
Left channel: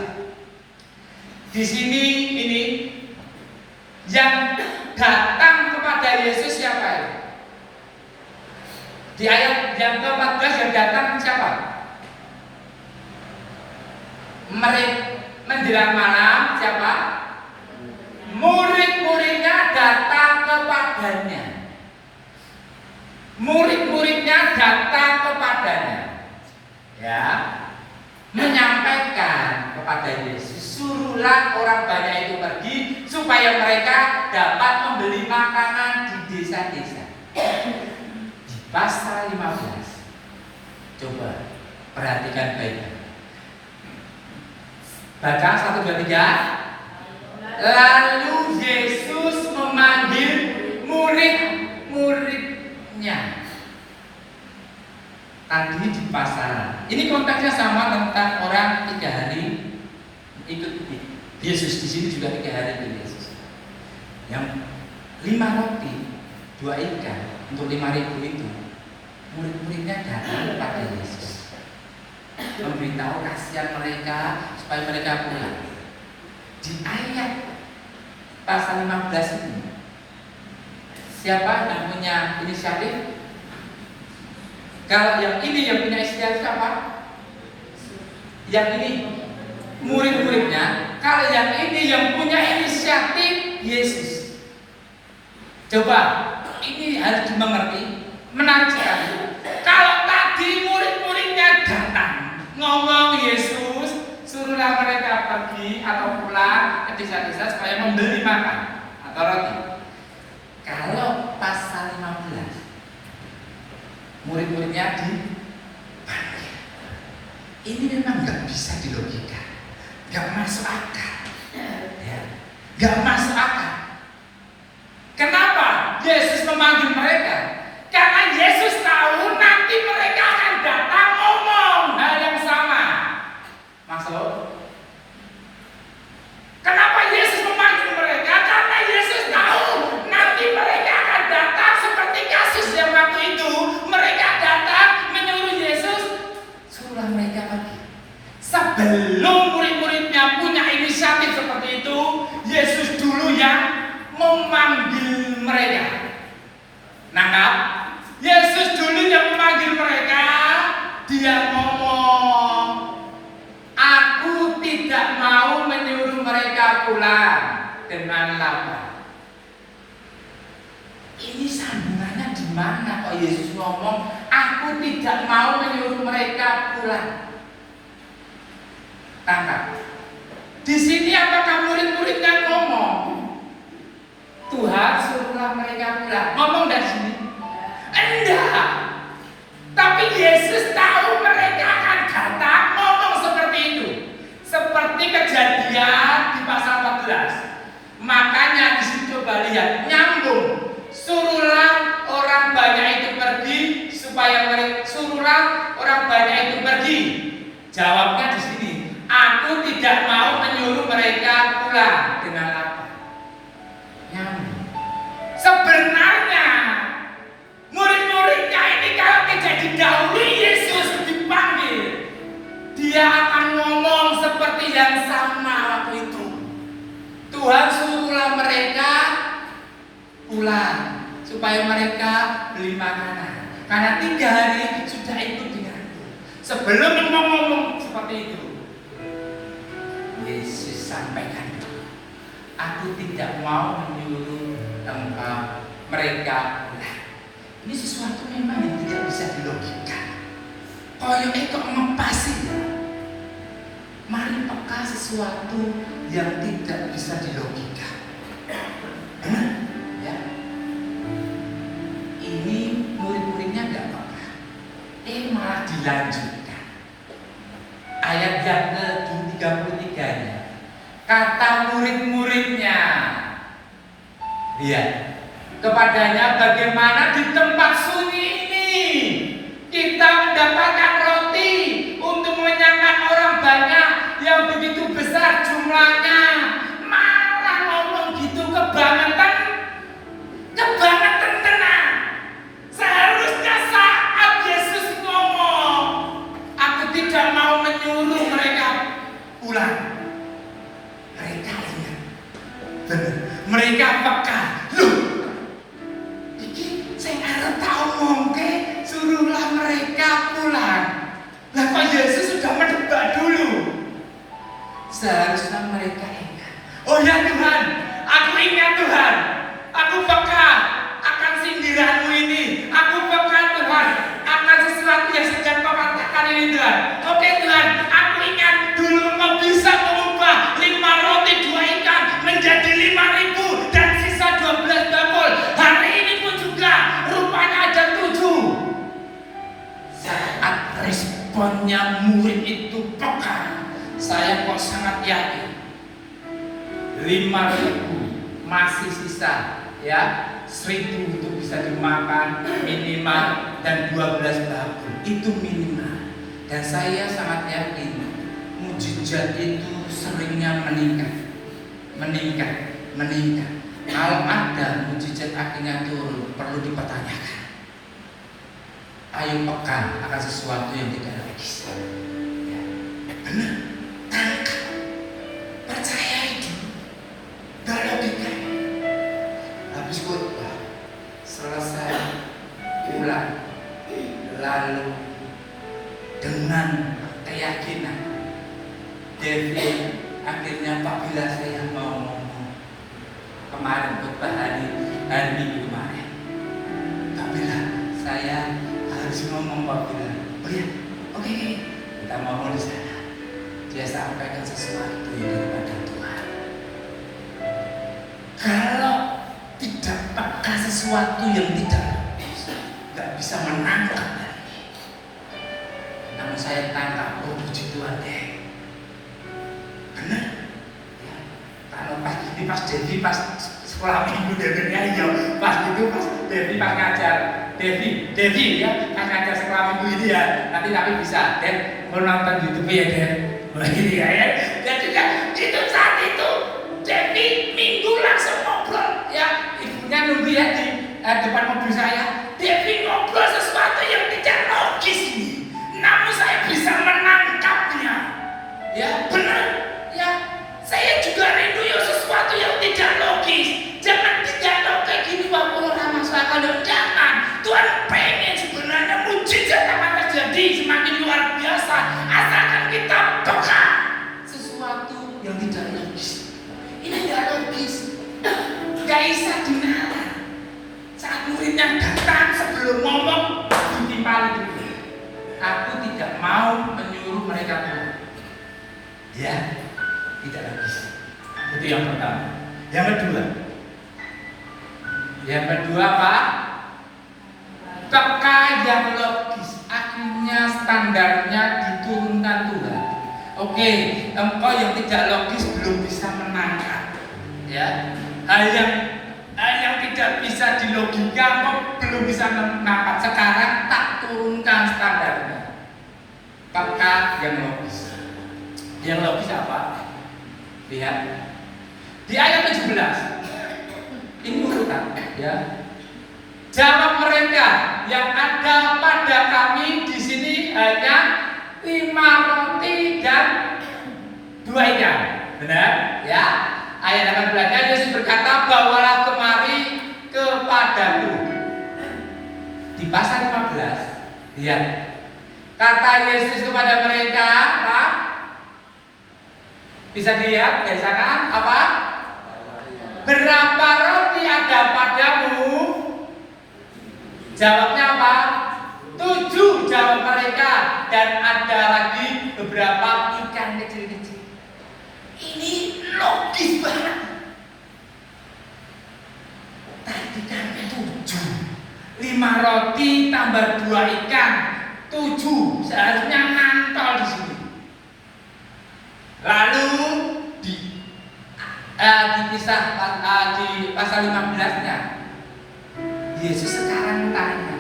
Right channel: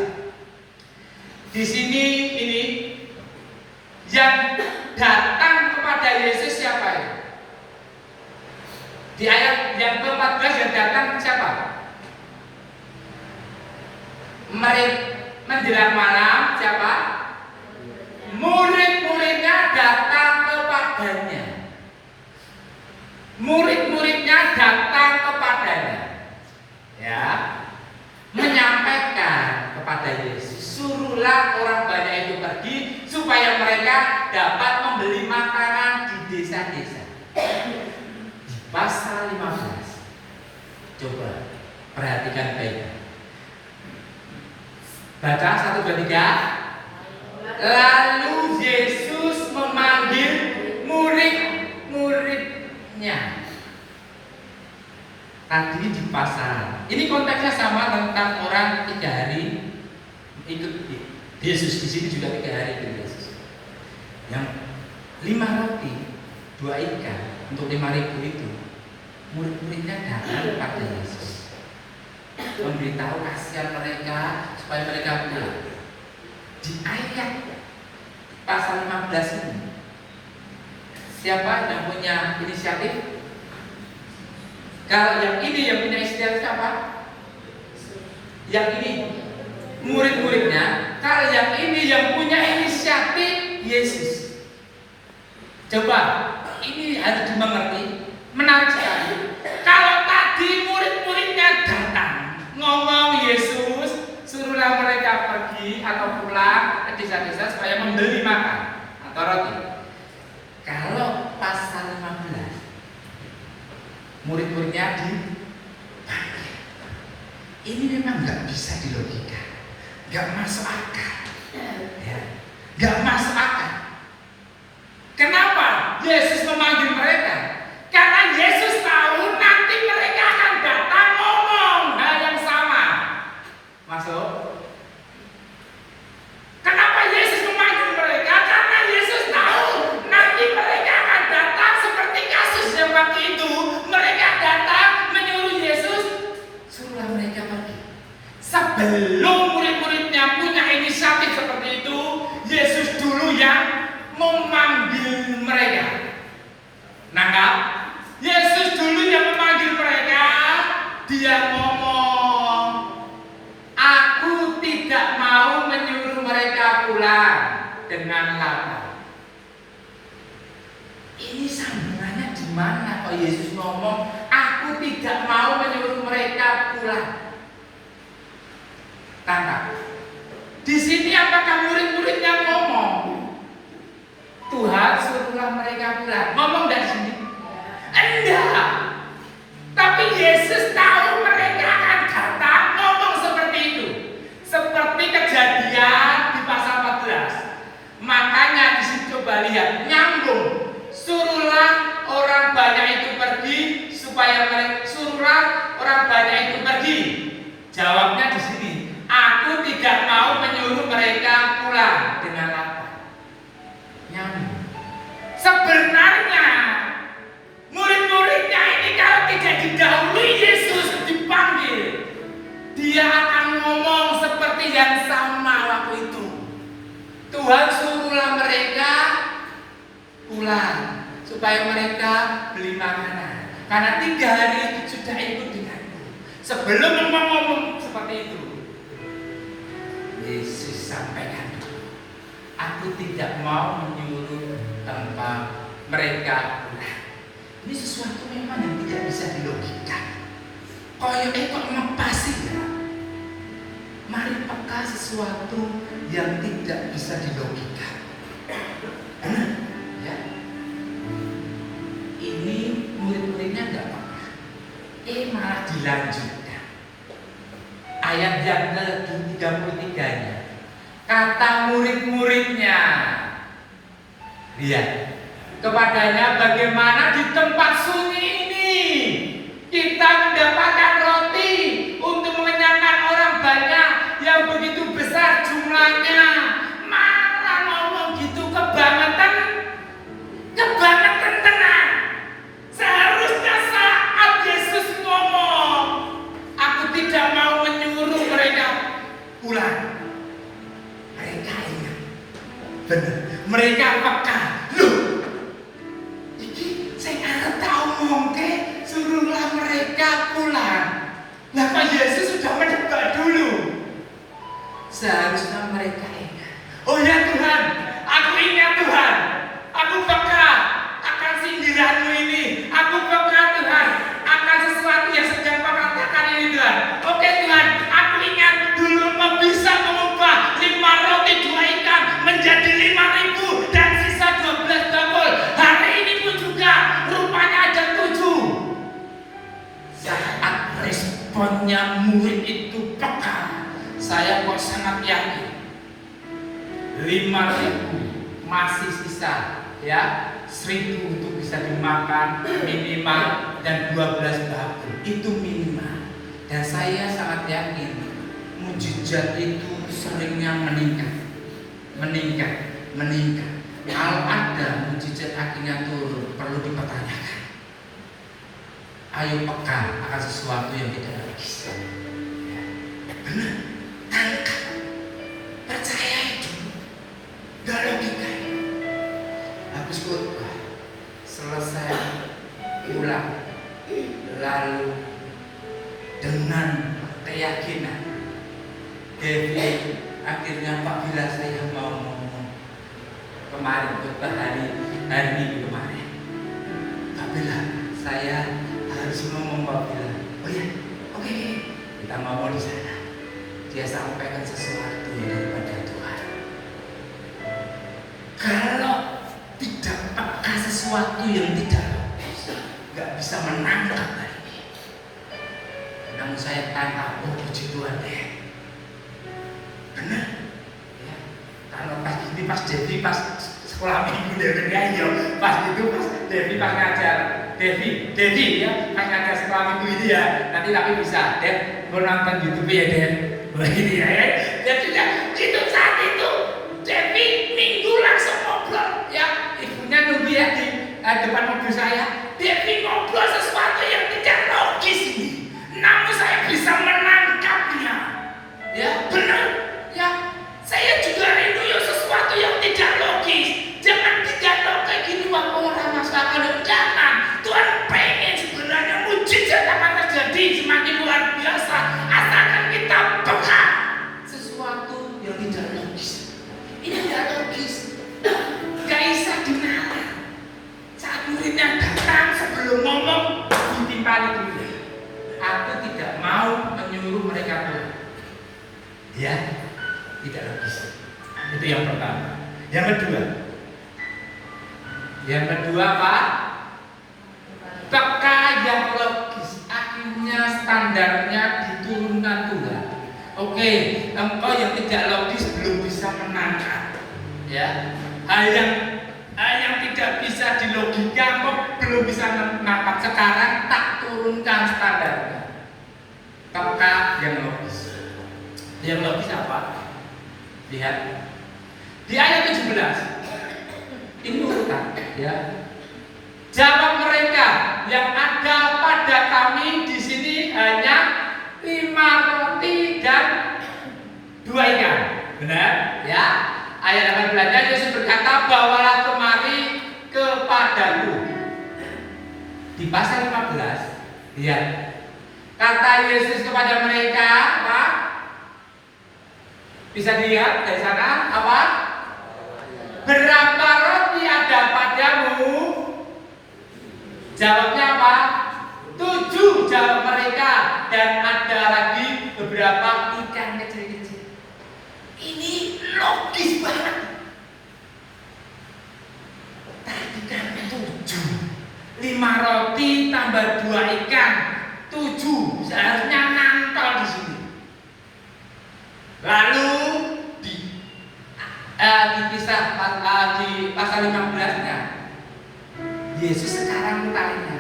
Di sini ini yang datang kepada Yesus siapa itu? Di ayat yang ke-14 yang datang siapa? Menjelang malam siapa? Murid-muridnya datang kepadanya. Murid-muridnya datang kepadanya, ya, menyampaikan kepada Yesus, suruhlah orang banyak itu pergi supaya mereka dapat membeli makanan di desa-desa. Di pasal 15, coba perhatikan baik. Baca 1, 2, 3. Lalu Yesus memanggil murid-muridnya. Tadi di pasal, ini konteksnya sama tentang orang 3 hari ikut Yesus. Di sini juga 3 hari ikut Yesus. Yang 5 roti 2 ikan untuk 5.000 itu, murid-muridnya datang kepada Yesus, memberitahu kasihan mereka supaya mereka pulang. Di ayat pasal 15 ini, siapa yang punya inisiatif? Kalau yang ini yang punya inisiatif siapa? Yang ini murid-muridnya. Kalau yang ini yang punya inisiatif Yesus. Coba, ini harus dimengerti. Menarik sekali. Kalau tadi murid-muridnya datang ngomong Yesus, suruhlah mereka pergi atau pulang ke desa-desa supaya membeli makan atau roti. Kalau pasal 15, murid-muridnya dipanggil. Ini memang nggak bisa dilogika, nggak masuk akal, ya, nggak masuk akal. Kenapa Yesus memanggil mereka? Karena Yesus tahu nanti mereka akan datang ngomong hal yang sama. Masuk? Kenapa Yesus memanggil mereka? Karena Yesus tahu nanti mereka akan datang seperti kasus yang waktu itu. Mereka datang menyuruh Yesus, suruhlah mereka pergi. Sebelum murid-muridnya punya inisiatif seperti itu, Yesus dulu yang memanggil mereka. Nangkap? Yesus dulu yang memanggil mereka. Dia ngomong, aku tidak mau menyuruh mereka pulang dengan lapar. Ini sambungannya di mana kok Yesus ngomong, aku tidak mau menyuruh mereka pulang? Tangkap. Di sini apakah murid-muridnya ngomong, Tuhan suruhlah mereka pulang? Ngomong dari sini? Enggak. Tapi Yesus tahu mereka akan datang ngomong seperti itu. Seperti kejadian di pasal 14. Makanya di sini coba lihat, nyambung. Suruhlah orang banyak itu pergi supaya mereka, suruhlah orang banyak itu pergi. Jawabnya di sini, aku tidak mau menyuruh mereka pulang dengan lapar. Nyambung. Sebenarnya murid-muridnya ini kalau tidak didahului Yesus dipanggil, dia akan ngomong seperti yang sama waktu itu. Tuhan suruhlah mereka pulang supaya mereka beli makanan, karena 3 hari sudah ikut denganku. Sebelum ngomong seperti itu, Yesus sampaikan, aku tidak mau menyuruh mereka pulang. Ini sesuatu memang yang tidak bisa dilogika. Koyoknya kok ngepasi ya. Mari peka sesuatu yang tidak bisa dilogika. Benar? Ya. Ini murid-muridnya nggak peka. Malah dilanjutkan. Ayat yang ke-33-nya. Kata murid-muridnya, lihat, kepadanya, bagaimana di tempat sunyi ini kita mendapatkan roti untuk mengenyangkan orang banyak yang begitu besar jumlahnya. Malah ngomong gitu kebangetan tenang. Seharusnya saat Yesus ngomong, aku tidak mau menyuruh mereka pulang. Mereka ingat, benar, mereka peka. Loh, ini saya harus tahu mungkin suruhlah mereka pulang. Lah Pak Yesus sudah mendebat dulu. Seharusnya mereka ingat. Oh ya Tuhan, aku ingat Tuhan. Aku peka akan sindiranmu ini. Aku peka Tuhan akan sesuatu yang sedang kau katakan ini Tuhan. Oke Tuhan, aku ingat dulu kau bisa mengubah 5 roti 2 ikan menjadi 5.000 dan sisa 12 bakul. Hari ini pun juga rupanya ada 7. Saat responnya murid itu peka, saya kok sangat yakin 5.000 masih sisa, ya 1.000 untuk bisa dimakan minimal, dan 12 bakul itu minimal. Dan saya sangat yakin mujizat itu seringnya meningkat. Kalau ada mujizat akhirnya turun, perlu dipertanyakan. Ayo peka akan sesuatu yang tidak logis. Ya, benar, tangkap, percaya itu, gak logika. Habis khotbah selesai pulang, lalu dengan keyakinan David akhirnya, Pak, bila saya mau ngomong kemarin khotbah hari Minggu kemarin, Pak, bila saya harus ngomong, Pak, bila, oh ya, oke, kita ngomong di sana. Dia sampaikan sesuatu daripada Tuhan. Kalau tidak peka sesuatu yang tidak nggak bisa menangkap lagi. Namun saya tangkap, oh puji Tuhan deh, benar ya. Kalau pas Devi pas sekolah minggu Devi pas Devi pas ngajar Devi ya pas ngajar sekolah minggu ini ya, nanti tapi bisa Dev mau nonton YouTube ya Dev. Oh iya ya. Jadi itu saat itu Devi minggu langsung ngobrol ya, ibunya nunggu ya di depan mobil saya. Devi ngobrol sesuatu yang tidak logis ini, namun saya bisa menangkapnya. Ya benar ya, saya juga rindu ya sesuatu yang tidak logis. Jangan tidak kayak gini waktu orang masalah. Jangan, Tuhan pengen sebenarnya mujizat akan terjadi semakin luar biasa, asalkan kita peka sesuatu yang tidak logis. Ini tidak logis, gak bisa dinalar. Saat muridnya datang sebelum ngomong ditimpali dulu. Aku tidak mau menyuruh mereka pulang. Ya, tidak logis. Itu yang pertama. Yang kedua apa? Peka yang logis. Akhirnya standarnya diturunkan Tuhan. Oke, engkau yang tidak logis belum bisa menangkap. Ya, hal yang tidak bisa dilogika, engkau belum bisa menangkap. Sekarang tak turunkan standarnya. Peka yang logis. Yang logis apa? Lihat di ayat 17. Ini urutan, ya. Jawab mereka, yang ada pada kami di sini hanya 5 roti dan 2 ikan. Benar? Ya. Ayat 18-nya Yesus berkata, bawalah kemari kepadaku. Di pasal 15, lihat. Kata Yesus kepada mereka, apa? Bisa dilihat dari sana, apa? Berapa roti ada padamu? Jawabnya apa? 7, jawab mereka. Dan ada lagi beberapa ikan kecil-kecil. Ini logis banget. Tadi kan 7, 5 roti tambah 2 ikan. 7 seharusnya nantol di sini. Lalu dipisah di pasal 15-nya. Yesus sekarang tanya,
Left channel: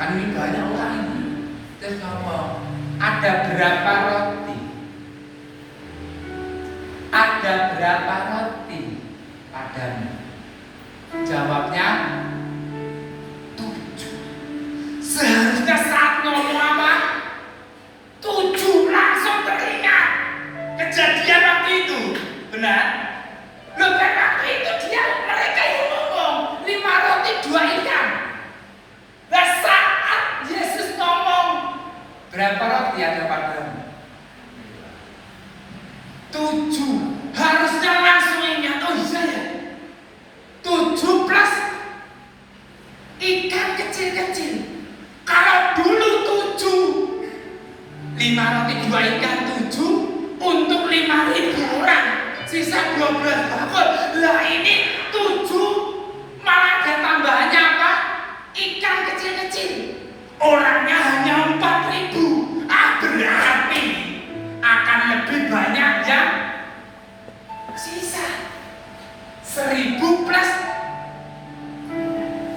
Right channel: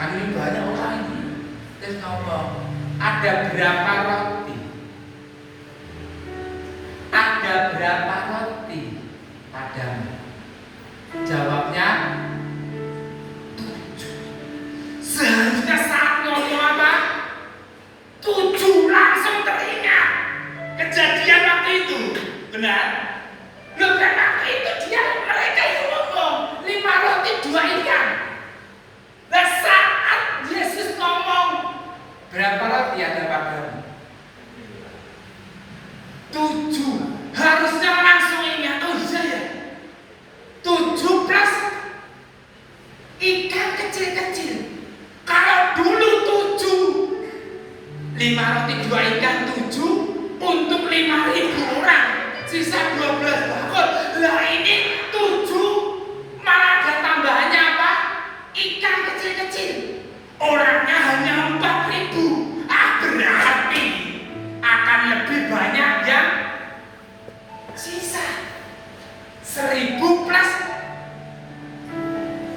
kan ini banyak orang ini, terus ngomong, ada berapa roti? Ada berapa roti padamu? Jawabnya 7. Seharusnya saat ngomong apa? 7 langsung teringat kejadian waktu itu. Benar? Loh, waktu itu mereka yang ngomong 5 roti 2 ikan. Nah, saat Yesus ngomong berapa roti ada padamu? 7. Harusnya langsung ingat, oh iya ya, 7 plus ikan kecil-kecil. Kalau dulu 7, 5 roti 2 ikan 7 untuk 5.000 orang, sisa 12 bakul. Lah ini 7 malah ada tambahannya apa? Ikan kecil-kecil. Orangnya hanya 4.000. Berarti akan lebih banyak yang sisa. 1.000 plus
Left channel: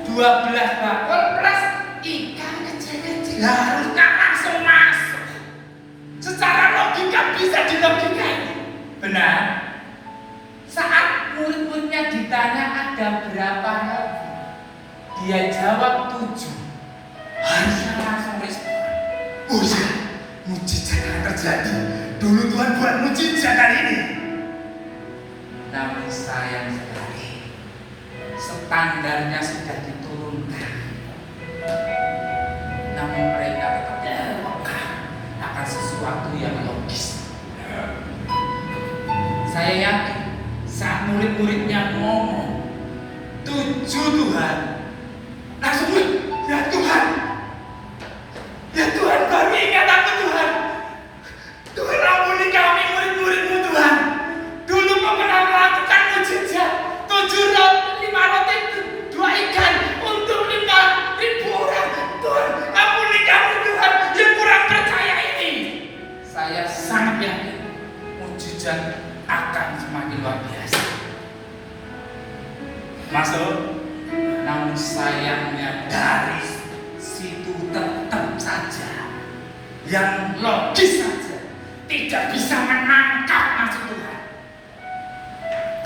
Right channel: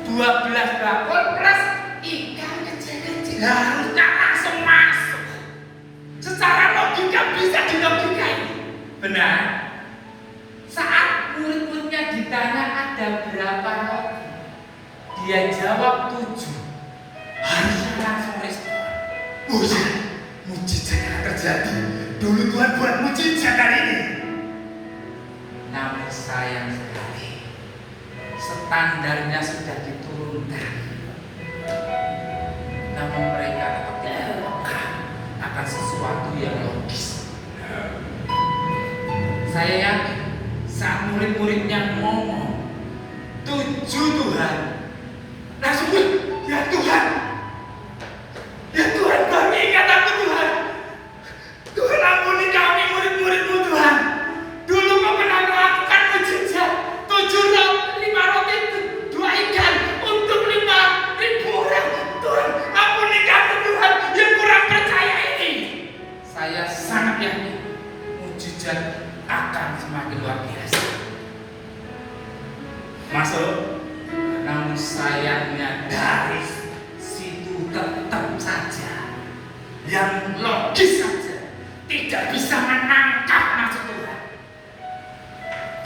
12 bakul plus ikan kecil-kecil. Harusnya langsung masuk. Secara logika bisa dilogika ini. Benar? Saat murid-muridnya ditanya ada berapa roti, dia jawab 7. Harusnya langsung respon. Oh ya, mujizat yang terjadi. Dulu Tuhan buat mujizat kali ini. Namun sayang sekali, standarnya sudah diturunkan. Namun mereka tetap tidak peka akan sesuatu yang logis. Saya yakin saat murid-muridnya ngomong 7 Tuhan, langsung ya Tuhan, ya Tuhan, kami ingat aku Tuhan. Tuhan ampuni kami murid-murid-Mu Tuhan. Dulu Kau pernah melakukan mujizat 5 roti 2 ikan untuk 5.000 orang. Tuhan ampuni kami Tuhan yang kurang percaya ini. Saya sangat yakin mujizat akan semakin luar biasa. Masuk. Namun sayangnya dari situ tetap saja yang logis saja tidak bisa menangkap maksud Tuhan.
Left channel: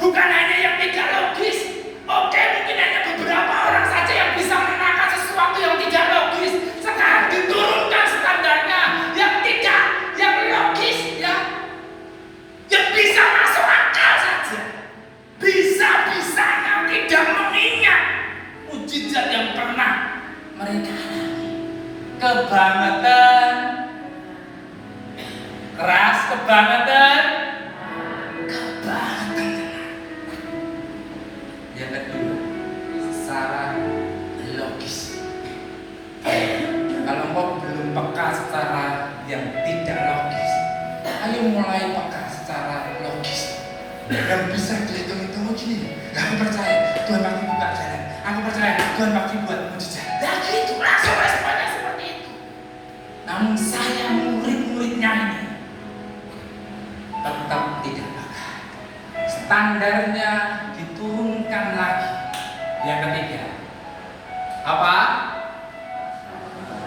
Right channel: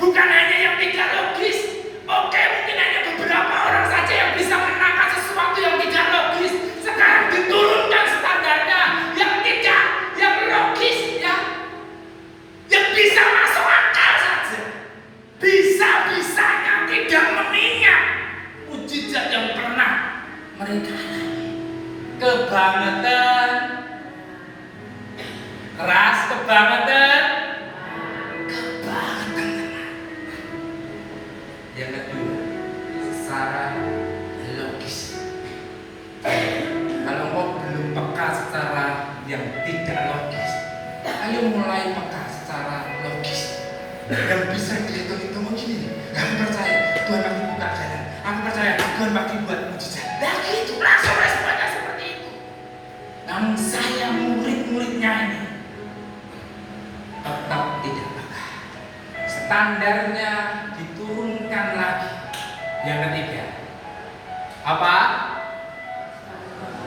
Bukan hanya yang tidak logis. Oke, mungkin hanya beberapa orang saja yang bisa menangkap sesuatu yang tidak logis. Sekarang diturunkan standarnya yang tidak, yang logis, ya, yang bisa masuk akal saja. Bisa-bisanya tidak mengingat mujizat yang pernah mereka alami. Kebangetan, keras, kebangetan. Yang kedua, secara logis. Kalau kau belum peka secara yang tidak logis, ayo mulai peka secara logis. Yang bisa dihitung-hitung begini. Aku percaya Tuhan pasti buka jalan. Aku percaya Tuhan pasti buat mujizat. Nah gitu langsung responnya seperti itu. Namun saya murid-muridnya ini tetap tidak peka. Standarnya diturunkan lagi. Yang ketiga, apa?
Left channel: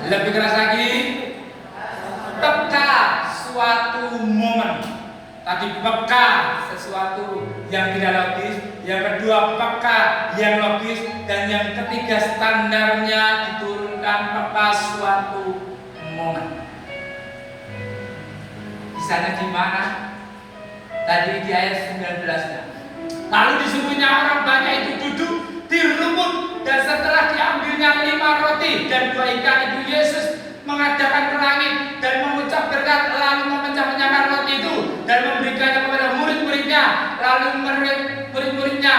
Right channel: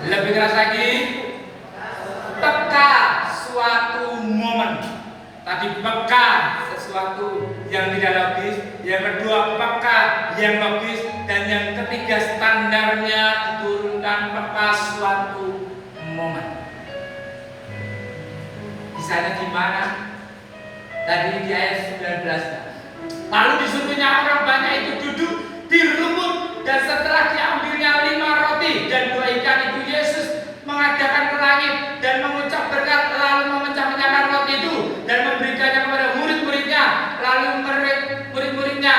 Lebih keras lagi. Peka suatu momen. Tadi peka sesuatu yang tidak logis. Yang kedua peka yang logis. Dan yang ketiga standarnya diturunkan peka suatu momen. Kisahnya di mana? Tadi di ayat 19. Lalu disuruhnya orang banyak itu duduk di rumput, dan setelah diambilnya 5 roti dan 2 ikan itu, Yesus mengadakan ke langit dan mengucap berkat, lalu memecah-mecahkan roti itu dan memberikannya kepada murid-muridnya. Lalu murid-muridnya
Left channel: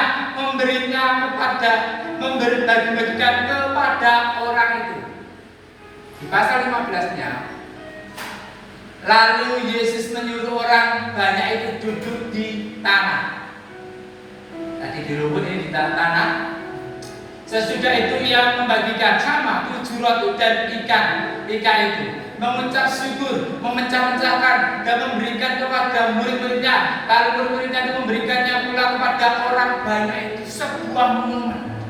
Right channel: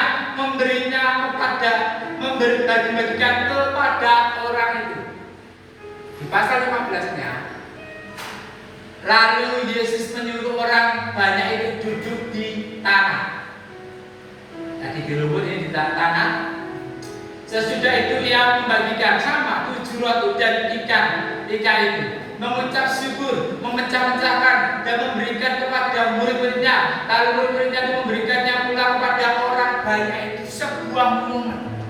membagi-bagikan kepada orang itu. Di pasal 15-nya, lalu Yesus menyuruh orang banyak itu duduk di tanah. Tadi di rumput, ini di tanah. Sesudah itu ia membagikan sama 7 suratu dan ikan itu mengucap syukur, memecah-mecahkan dan memberikan kepada murid-muridnya, lalu murid-muridnya itu memberikannya pula kepada orang banyak. Itu sebuah momen,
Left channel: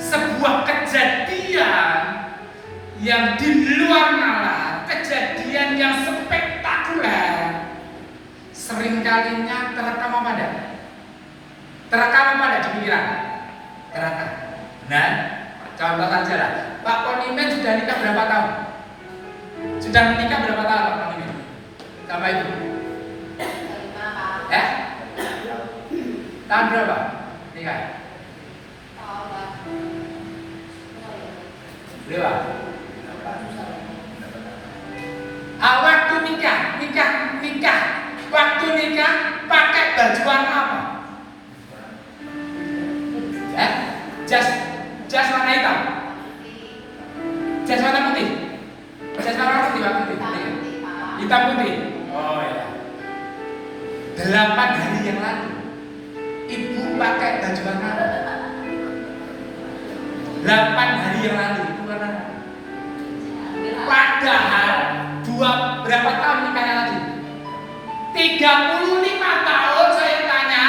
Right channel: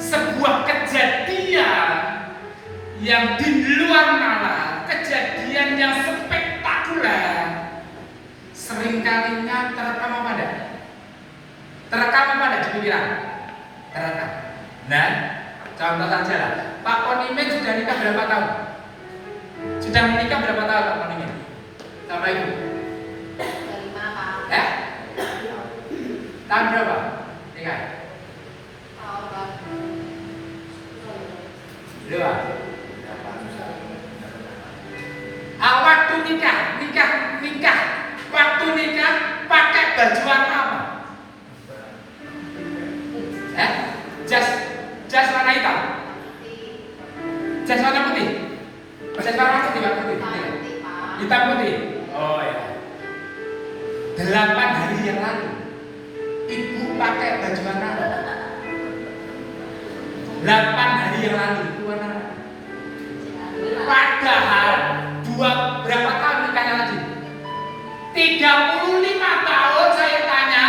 sebuah kejadian yang di luar nalar, kejadian yang spektakuler. Seringkalinya terekam apa enggak? Terekam apa enggak di pikiran? Terekam. Nah, contoh saja lah, Pak Ponimen sudah nikah berapa tahun? Sudah menikah berapa tahun Pak Ponimen? Sama Ibu? 5 tahun. Tahun berapa? Nikah? Berapa? Waktu nikah, waktu nikah pakai baju warna apa? Jas warna hitam, jas warna putih, jas warna putih, hitam putih. Oh ya. 8 hari yang lalu, Ibu pakai baju warna apa? 8 hari yang lalu itu warna apa? Padahal berapa tahun nikahnya lagi? 35 tahun saya tanya,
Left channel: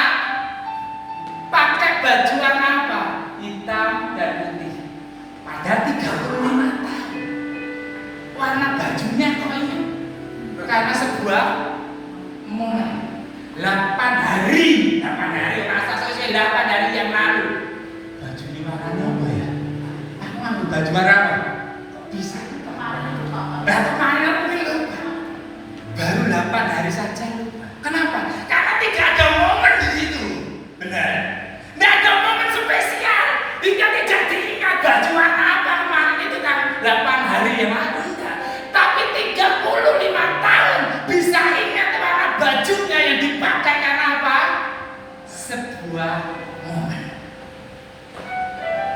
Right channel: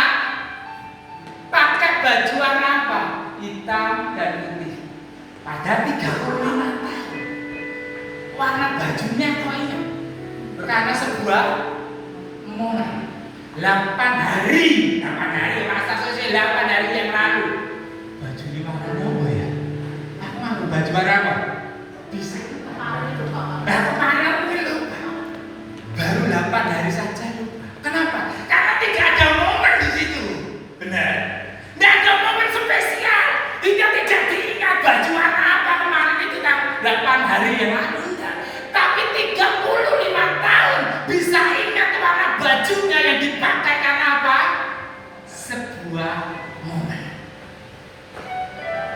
pakai baju warna apa? Hitam dan putih. Padahal 35 tahun. Warna bajunya kok ini? Karena sebuah momen. 8 hari masa saya 8 hari yang lalu. Baju ini warnanya apa ya? Aku ngambil baju warna apa? Bisa. Kemarin aku lupa. Baru 8 hari saja lupa. Kenapa? Karena tidak ada momen di situ. Benar. Tidak ada momen spesial. Hingga tidak diingat baju warna apa kemarin itu kan 8 hari yang lalu. Tapi 35 tahun bisa ingat warna bajunya yang dipakai karena apa? Sebuah momen.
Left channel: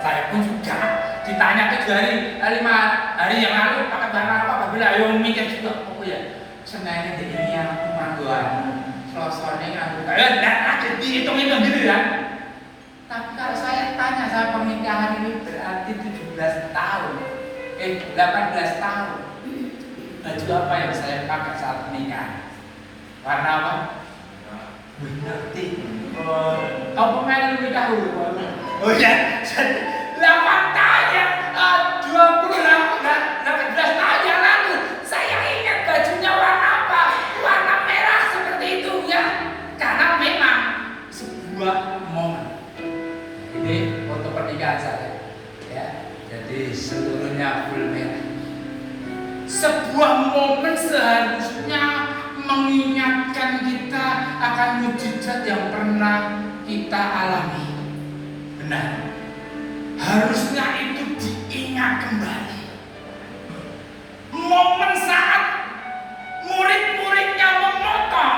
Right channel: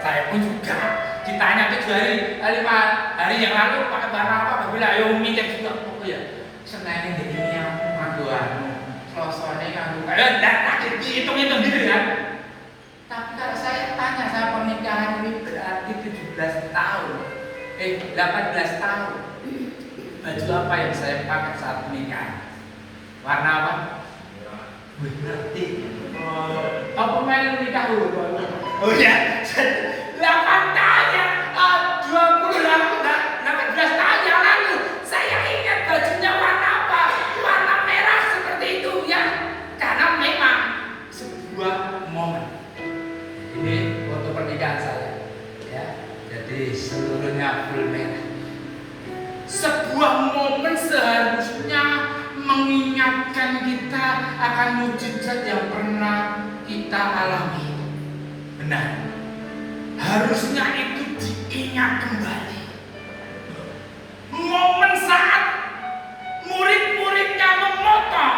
Saya pun juga ditanya 7 hari, 5 hari yang lalu pakai warna apa? Bapak bilang, ayo mikir juga. Oh iya, sengaja ini yang pangguan, selosone aku. Nanti dihitung-hitung gitu kan. Tapi kalau saya tanya, saya pernikahan ini berarti 17 tahun, 18 tahun. Baju apa yang saya pakai saat menikah? Warna apa? Wih, ngerti. Apa main menikah dulu? Oh iya, 8 tahun yang 18 tahun yang lalu saya ingat bajunya warna apa? Warna merah seperti itu ya. Karena memang sebuah momen. Ini foto pernikahan saya. Ya, jadi seluruhnya full merah. Sebuah momen seharusnya mengingatkan kita akan mujizat yang pernah kita alami. Benar. Harusnya itu diingat kembali. Momen saat murid-muridnya memotong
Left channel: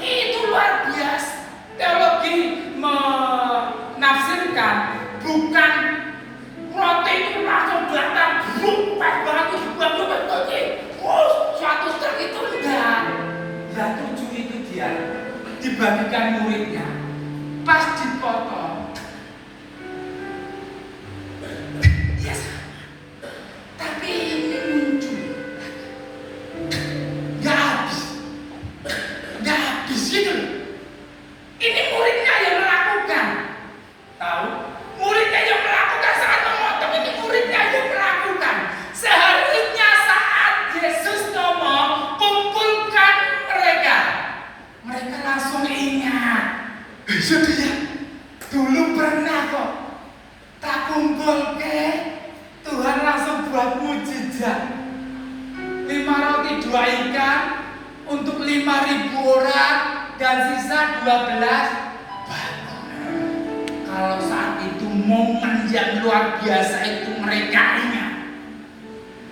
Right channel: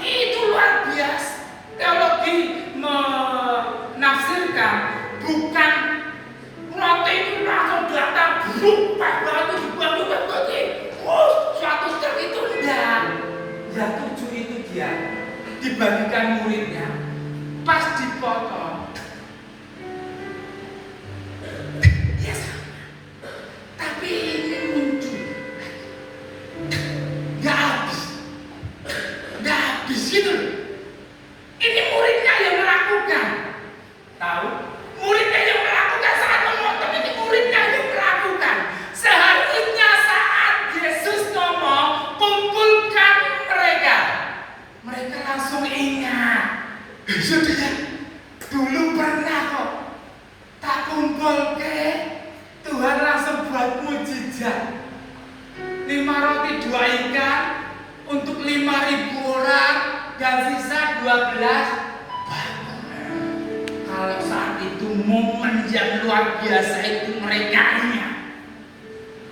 itu luar biasa. Teologi menafsirkan bukan roti itu langsung datang berubah banget dibuang. Suatu truk itu enggak. Yang 7 itu dia dibagikan muridnya. Pas dipotong, ya sama. Tapi ini muncul, nggak habis gitu loh. Ini muridnya yang melakukan, tahu? Muridnya yang melakukan saat memotong, ini muridnya yang melakukan. Seharusnya saat Yesus ngomong, kumpulkan mereka langsung ingat. Sudah, dulu pernah kok tak kumpul ke Tuhan langsung buat mujizat. 5 roti 2 ikan untuk 5.000 orang dan sisa 12 batu. Kalau saat itu momen yang luar biasa itu mereka ingat.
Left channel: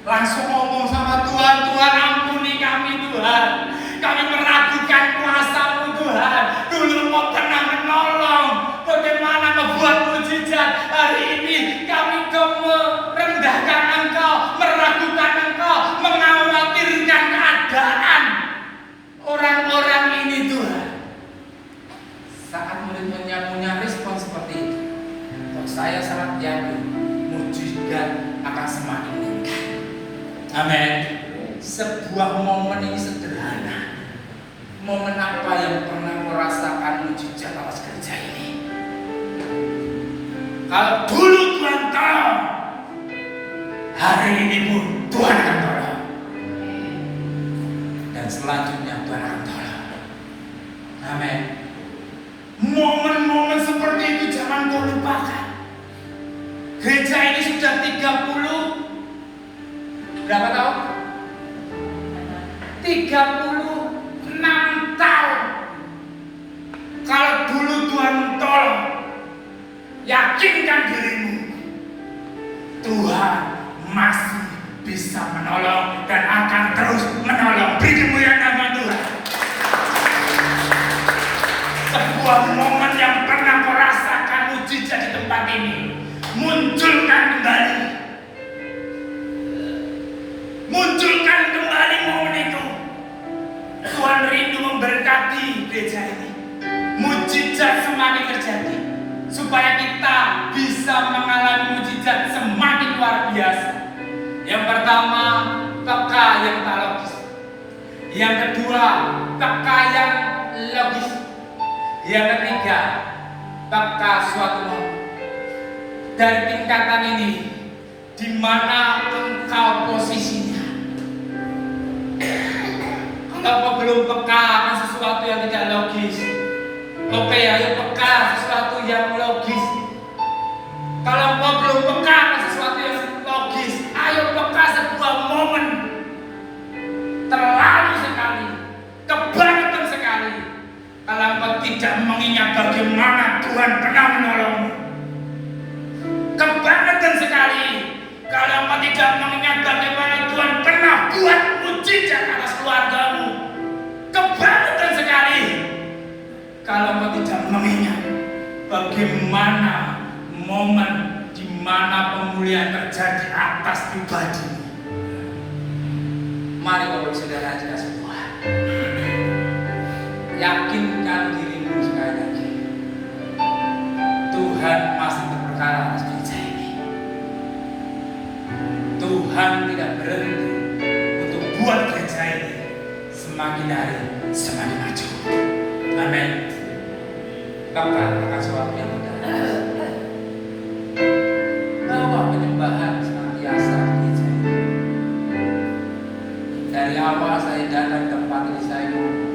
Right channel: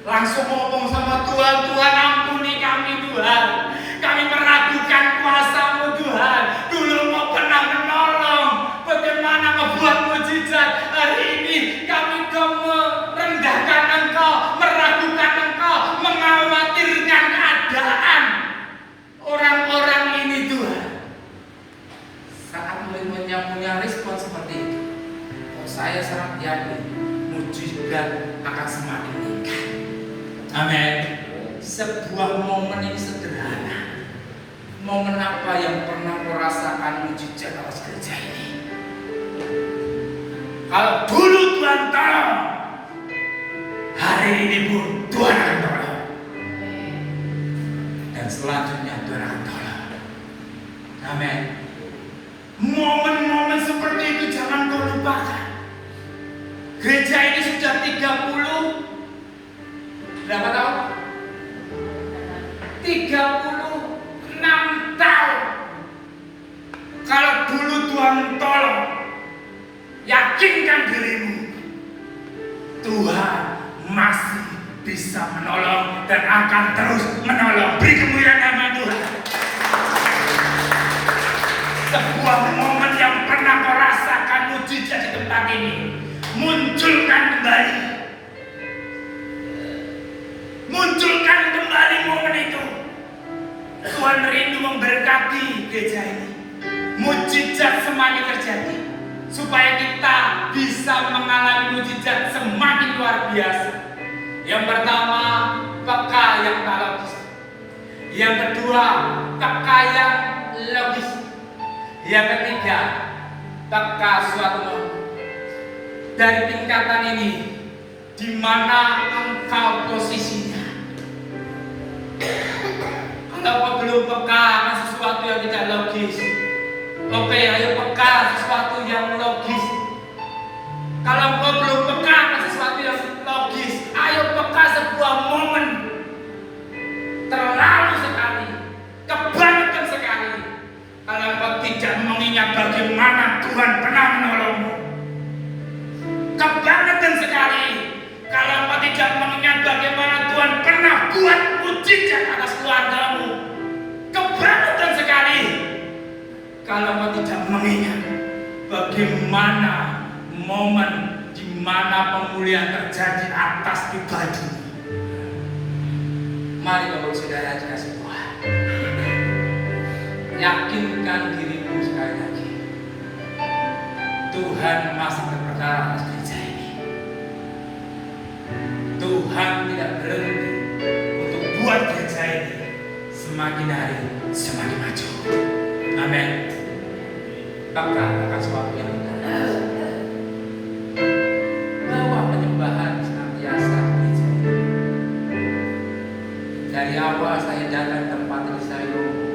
Langsung ngomong sama Tuhan, Tuhan ampuni kami Tuhan. Kami meragukan kuasa-Mu Tuhan. Dulu Mau pernah menolong, bagaimana membuat mujizat. Hari ini kami merendahkan Engkau, meragukan Engkau, mengkhawatirkan keadaan orang-orang ini Tuhan. Saat murid-muridnya punya respon seperti itu, saya sangat yakin mujizat akan Amin. Sebuah momen ini sederhana. Momen apa yang pernah merasakan mujizat atas gereja ini? Kalau dulu Tuhan tolong, hari ini pun Tuhan akan tolong. Dan selanjutnya Tuhan akan tolong. Amin. Momen-momen seperti itu jangan kau lupakan. Gereja ini sudah 30 berapa tahun? 36 tahun. Kalau dulu Tuhan tolong, yakinkan dirimu, Tuhan masih bisa menolong dan akan terus menolong. Beri kemuliaan nama Tuhan. Sebuah momen yang pernah kau rasakan mujizat di tempat ini, munculkan kembali. Munculkan kembali momen itu. Tuhan rindu memberkati gereja ini. Mujizat semakin terjadi, supaya kita bisa mengalami mujizat semakin luar biasa. Yang pertama, peka yang tak logis. Yang kedua, peka yang logis. Yang ketiga, peka suatu momen. Dari tingkatan ini, di mana engkau posisinya? Kalau belum peka akan sesuatu yang tidak logis, oke, ayo peka sesuatu yang logis. Kalau kau belum peka akan sesuatu yang logis, ayo peka sebuah momen. Terlalu sekali, kebangetan sekali, kalau kau tidak mengingat bagaimana Tuhan pernah menolongmu. Kebangetan sekali kalau kau tidak mengingat bagaimana Tuhan pernah buat mujizat atas keluargamu. Kebangetan sekali kalau kau tidak mengingat bagaimana momen di mana pemulihan terjadi atas pribadi. Mari Bapak Saudara kita semua, yakinkan dirimu sekali lagi, Tuhan masih berperkara atas gereja ini. Tuhan tidak berhenti untuk buat gereja ini semakin hari semakin maju. Amin. Bahkan akan sesuatu yang benar. Bawa penyembahan senantiasa di gereja ini. Dari awal saya datang ke tempat ini, saya ngomong,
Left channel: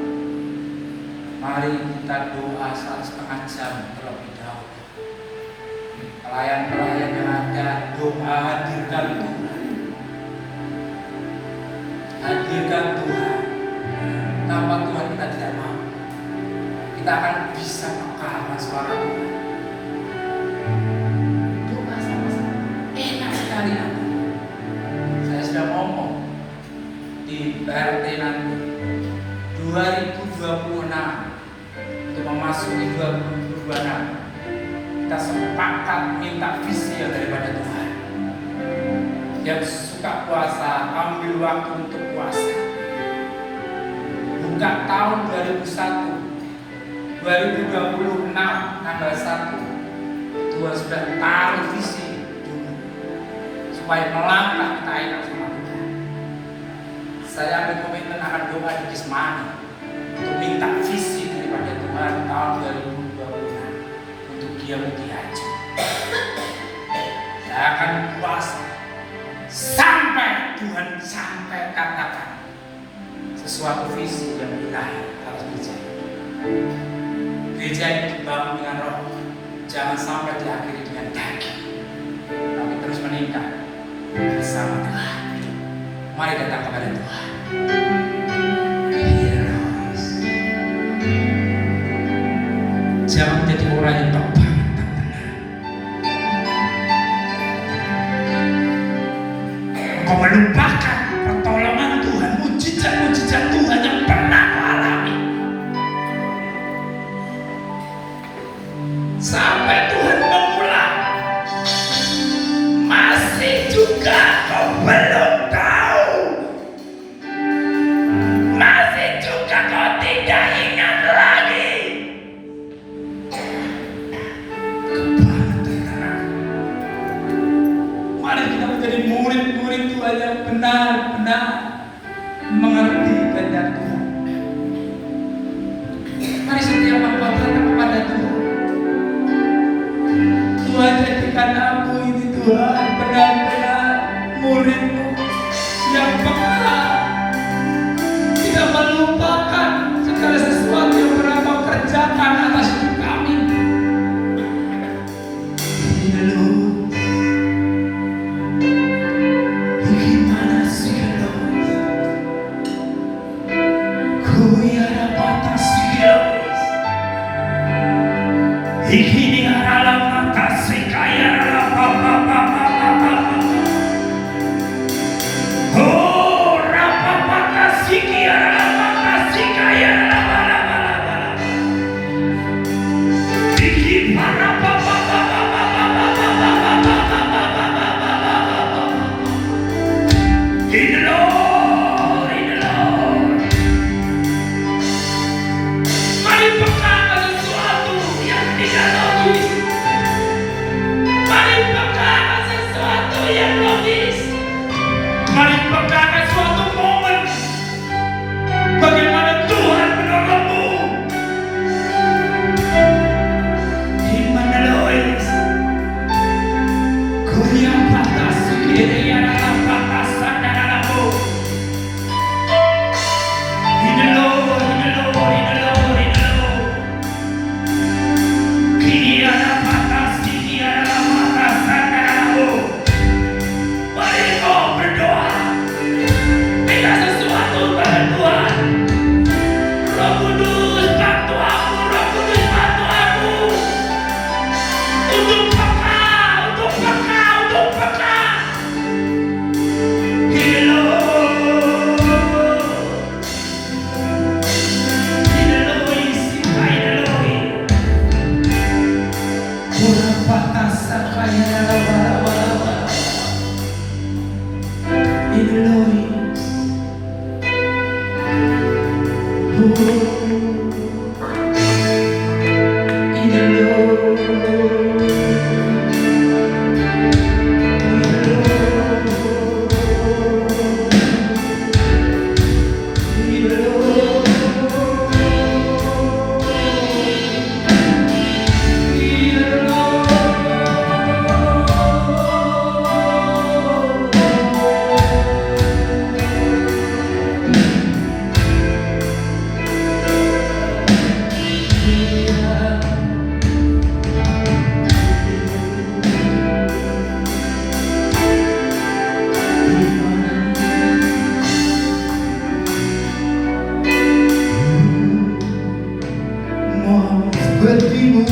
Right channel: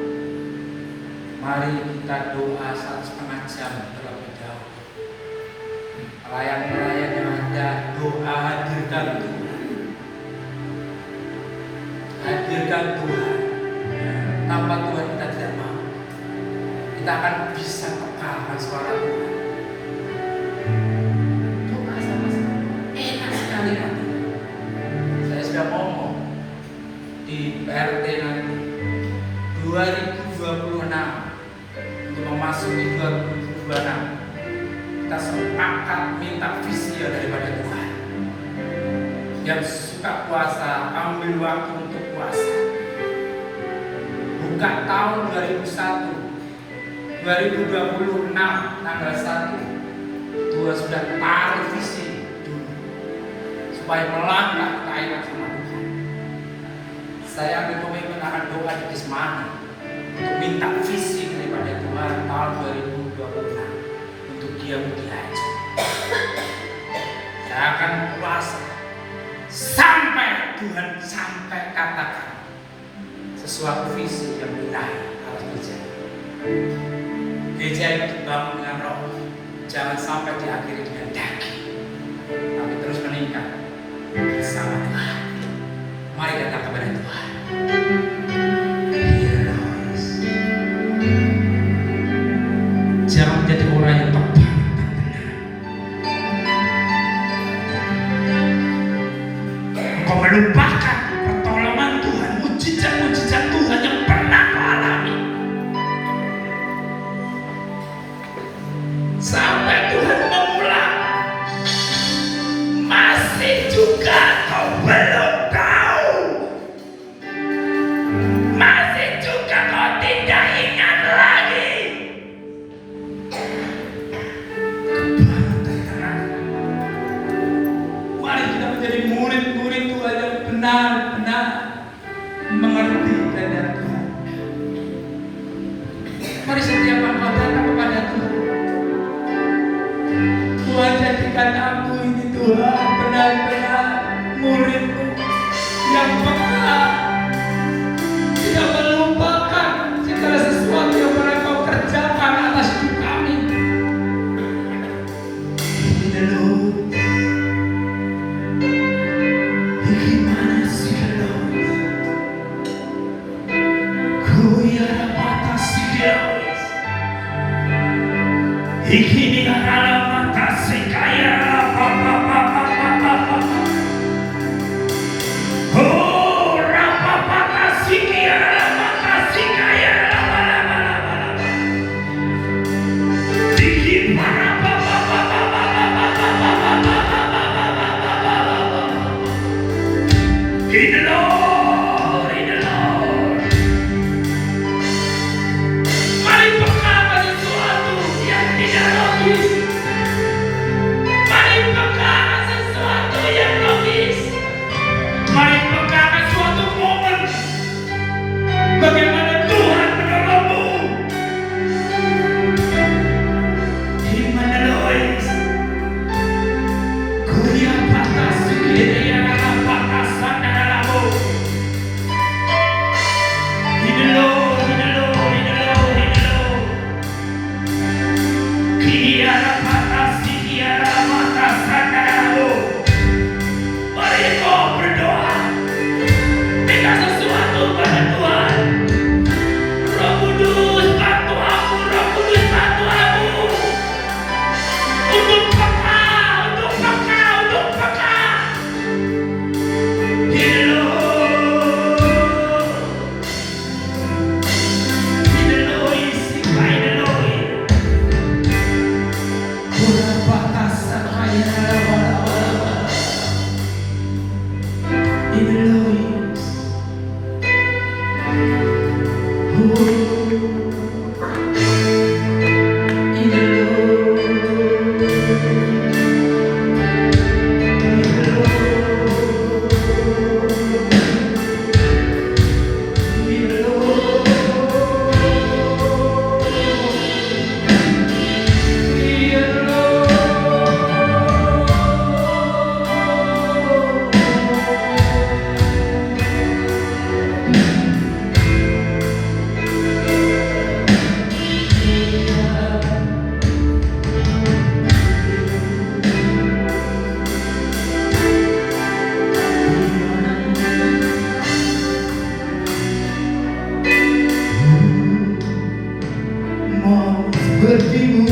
mari kita doa 1,5 jam terlebih dahulu. Pelayan-pelayan yang ada, doa hadirkan Tuhan. Hadirkan Tuhan. Tanpa Tuhan kita tidak mau. Kita akan bisa mekalahkan suara Tuhan. Doa sama-sama. Enak sekali nanti. Saya sudah ngomong di PRT nanti 2026 untuk memasuki 2026, kita sepakat minta visi daripada Tuhan. Yang suka puasa, ambil waktu untuk puasa. Buka tahun 2001, 2026 tanggal 1, Tuhan sudah taruh visi dulu, supaya melangkah kita ingat sama Tuhan. Saya ambil komitmen akan doa di Kismani untuk minta visi daripada Tuhan tahun 2026 untuk dia Mutia-Aji. Saya akan puasa sampai Tuhan sampai katakan sesuatu visi yang ilahi atas gereja. Gereja ini dibangun dengan roh, jangan sampai diakhiri dengan daging, tapi terus meningkat bersama Tuhan. Mari datang kepada Tuhan. Jangan menjadi orang yang beban dan benar. Engkau melupakan pertolongan Tuhan, mujizat-mujizat Tuhan yang pernah kau alami. Sampai Tuhan mengulang, masih juga kau belum tahu. Masih juga kau tidak ingat lagi. Mari kita menjadi murid-murid Tuhan yang benar. Tuhan benar-benar murid-Mu yang peka, tidak melupakan segala sesuatu yang pernah Kau kerjakan atas hidup kami. Gimana sih kalau ku ya batas ini adalah atas kaya oh rapa batas kaya ini para mari pegang suatu momen bagaimana Tuhan menolongmu. Gimana Lois? Kuliah batas kiri adalah batasan darahmu. Hidup. Kiri adalah batas, kiri adalah batasan darahmu. Mari kau berdoa. Tidak sesuatu pada Tuhan. Roh Kudus bantu aku, Roh Kudus bantu aku. Untuk peka. Sepertimu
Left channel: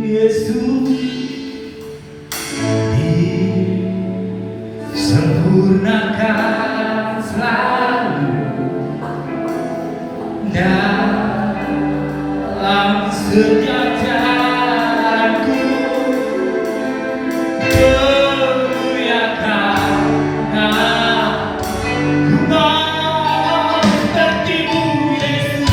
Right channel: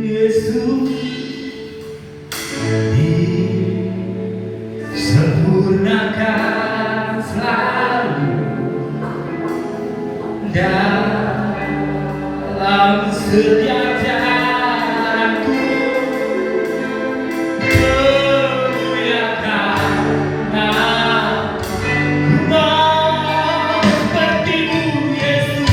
Yesus disempurnakan selalu dalam setiap jalanku. Kemuliakan namamu, mau sepertimu Yesus.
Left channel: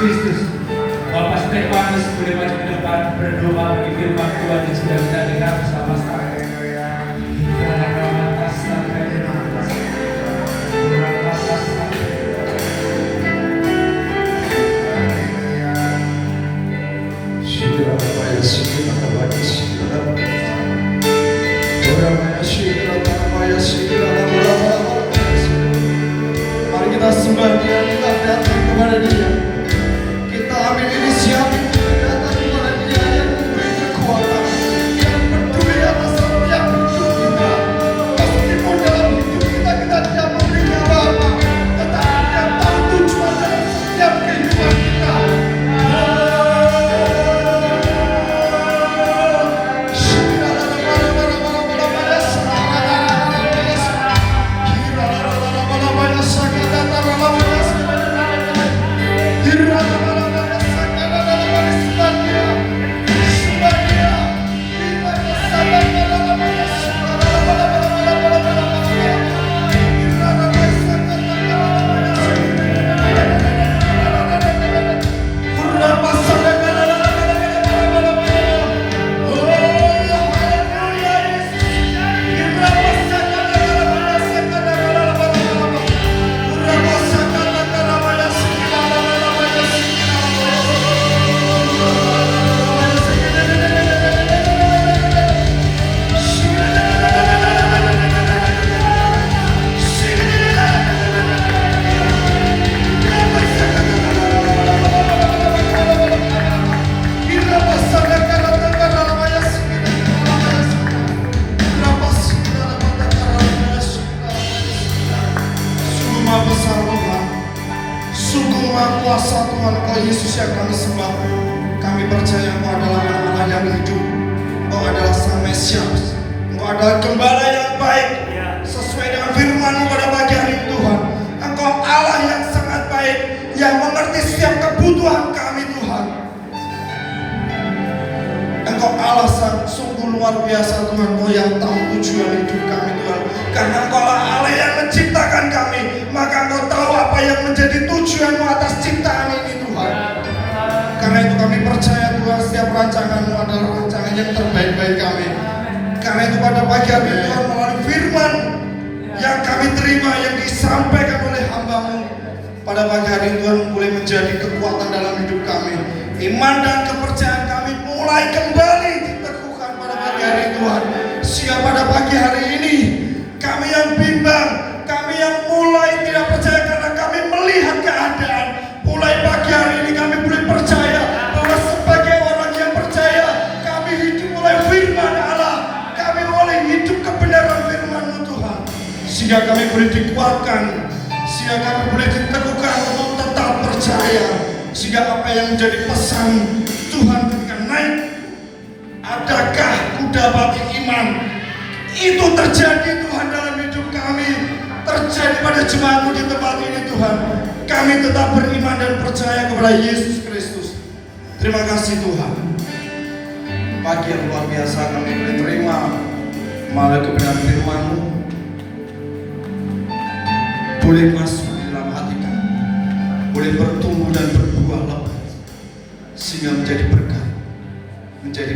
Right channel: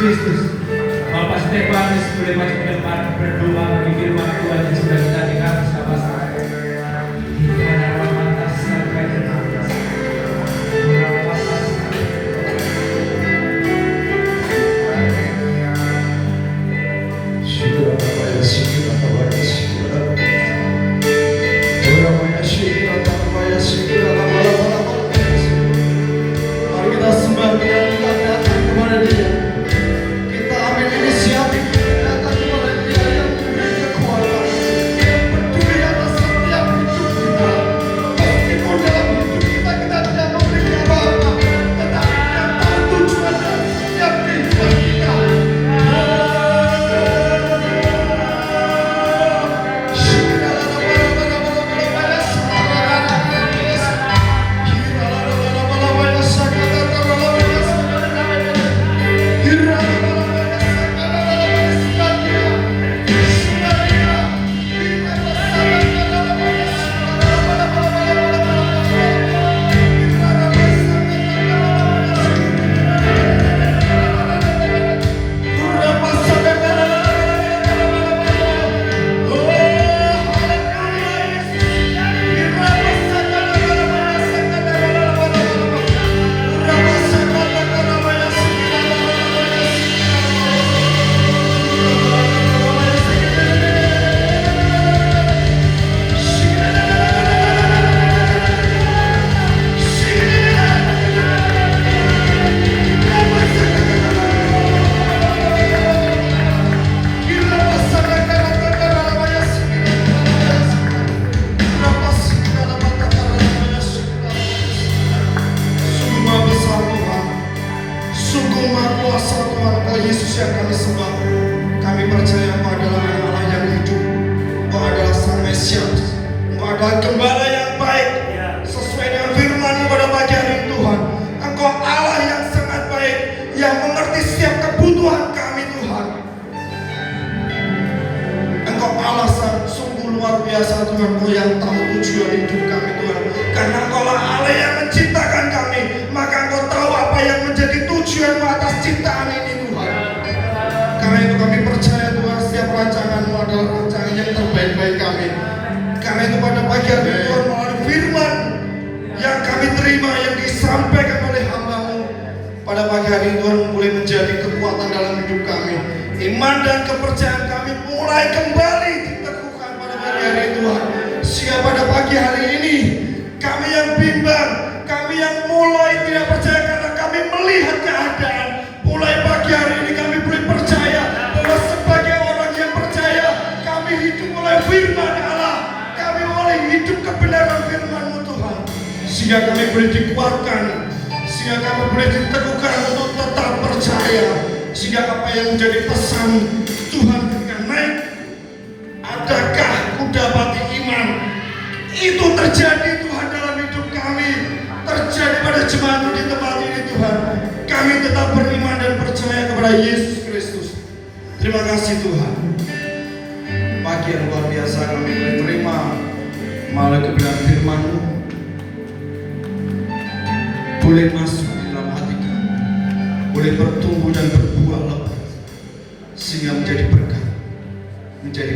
Kristus. Bapak Stefanus boleh maju ke depan berdoa bagi firman Tuhan yang sudah kita dengar bersama-sama. Mari kita sembah Dia, kita datang kepada Dia. Kita ambil inisiatif, kita datang kepada Dia yang memberi kekuatan, yang peduli atas setiap hidup kita. Meskipun dalam hidup kita tidak memberi apa-apa, tetapi Dia tahu tujuan dalam setiap kehidupan kita. Sungguh maha kuasa Tuhan, Engkau Yesus yang kami sembah. Kami percaya Engkau adalah Allah yang hidup, Engkau adalah Sang Mesias, Engkau adalah Gembala yang baik. Sesuai dengan firman-Mu pada pagi hari ini Tuhan, Engkau Allah yang sangat baik, yang mengerti setiap kebutuhan kami Tuhan. Engkau Allah sungguh luar biasa Tuhan, Engkau yang tahu tujuan hidup kami Tuhan. Karena Engkau Allah yang menciptakan kami, maka Engkau tahu apa yang menjadi tujuan-Mu atas ciptaan ini Tuhan. Karena itu kami percaya Tuhan, setiap rancangan-Mu adalah rancangan yang terbaik bagi kami. Karena itu pada pagi hari ini Tuhan, melalui firman yang kami terima, yang disampaikan oleh hamba-Mu pada pagi hari ini Tuhan, boleh menjadi kekuatan dalam hidup kami. Iman dan kepercayaan kami mulai kembali diteguhkan pada pagi hari ini Tuhan. Sehingga pada pagi hari ini kami yang bimbang, kami yang mulai tidak percaya karena kami melihat keadaan, mulai pagi hari ini kami boleh percaya bahwa sebagai orang yang percaya, kami hidup oleh firman Allah, kami boleh hidup kebenaran firman-Mu Tuhan. Sehingga kami boleh dikuatkan, sehingga kami boleh diteguhkan untuk tetap percaya. Sehingga apa yang menjadi pesan Tuhan ketika naik, adakah ku dapati iman, itu terjadi Tuhan dalam hidup kami, terjadi pada jemaat-Mu di tempat ini Tuhan. Kami tetap beriman dan percaya kepada Yesus Kristus. Terima kasih Tuhan. Pagi yang luar biasa kami boleh terima malah kebenaran firman-Mu, boleh masuk di dalam hati kami, boleh bertumbuh dan berbuah lebat, sehingga menjadi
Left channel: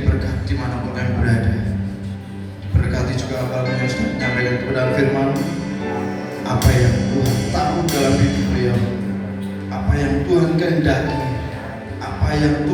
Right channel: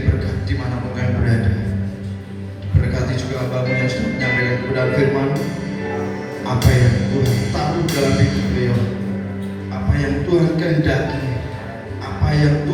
berkat dimanapun kami berada. Berkati juga hamba-Mu yang sudah menyampaikan kebenaran firman, apa yang Tuhan tahu dalam hidup beliau, apa yang Tuhan kehendaki, apa yang Tuhan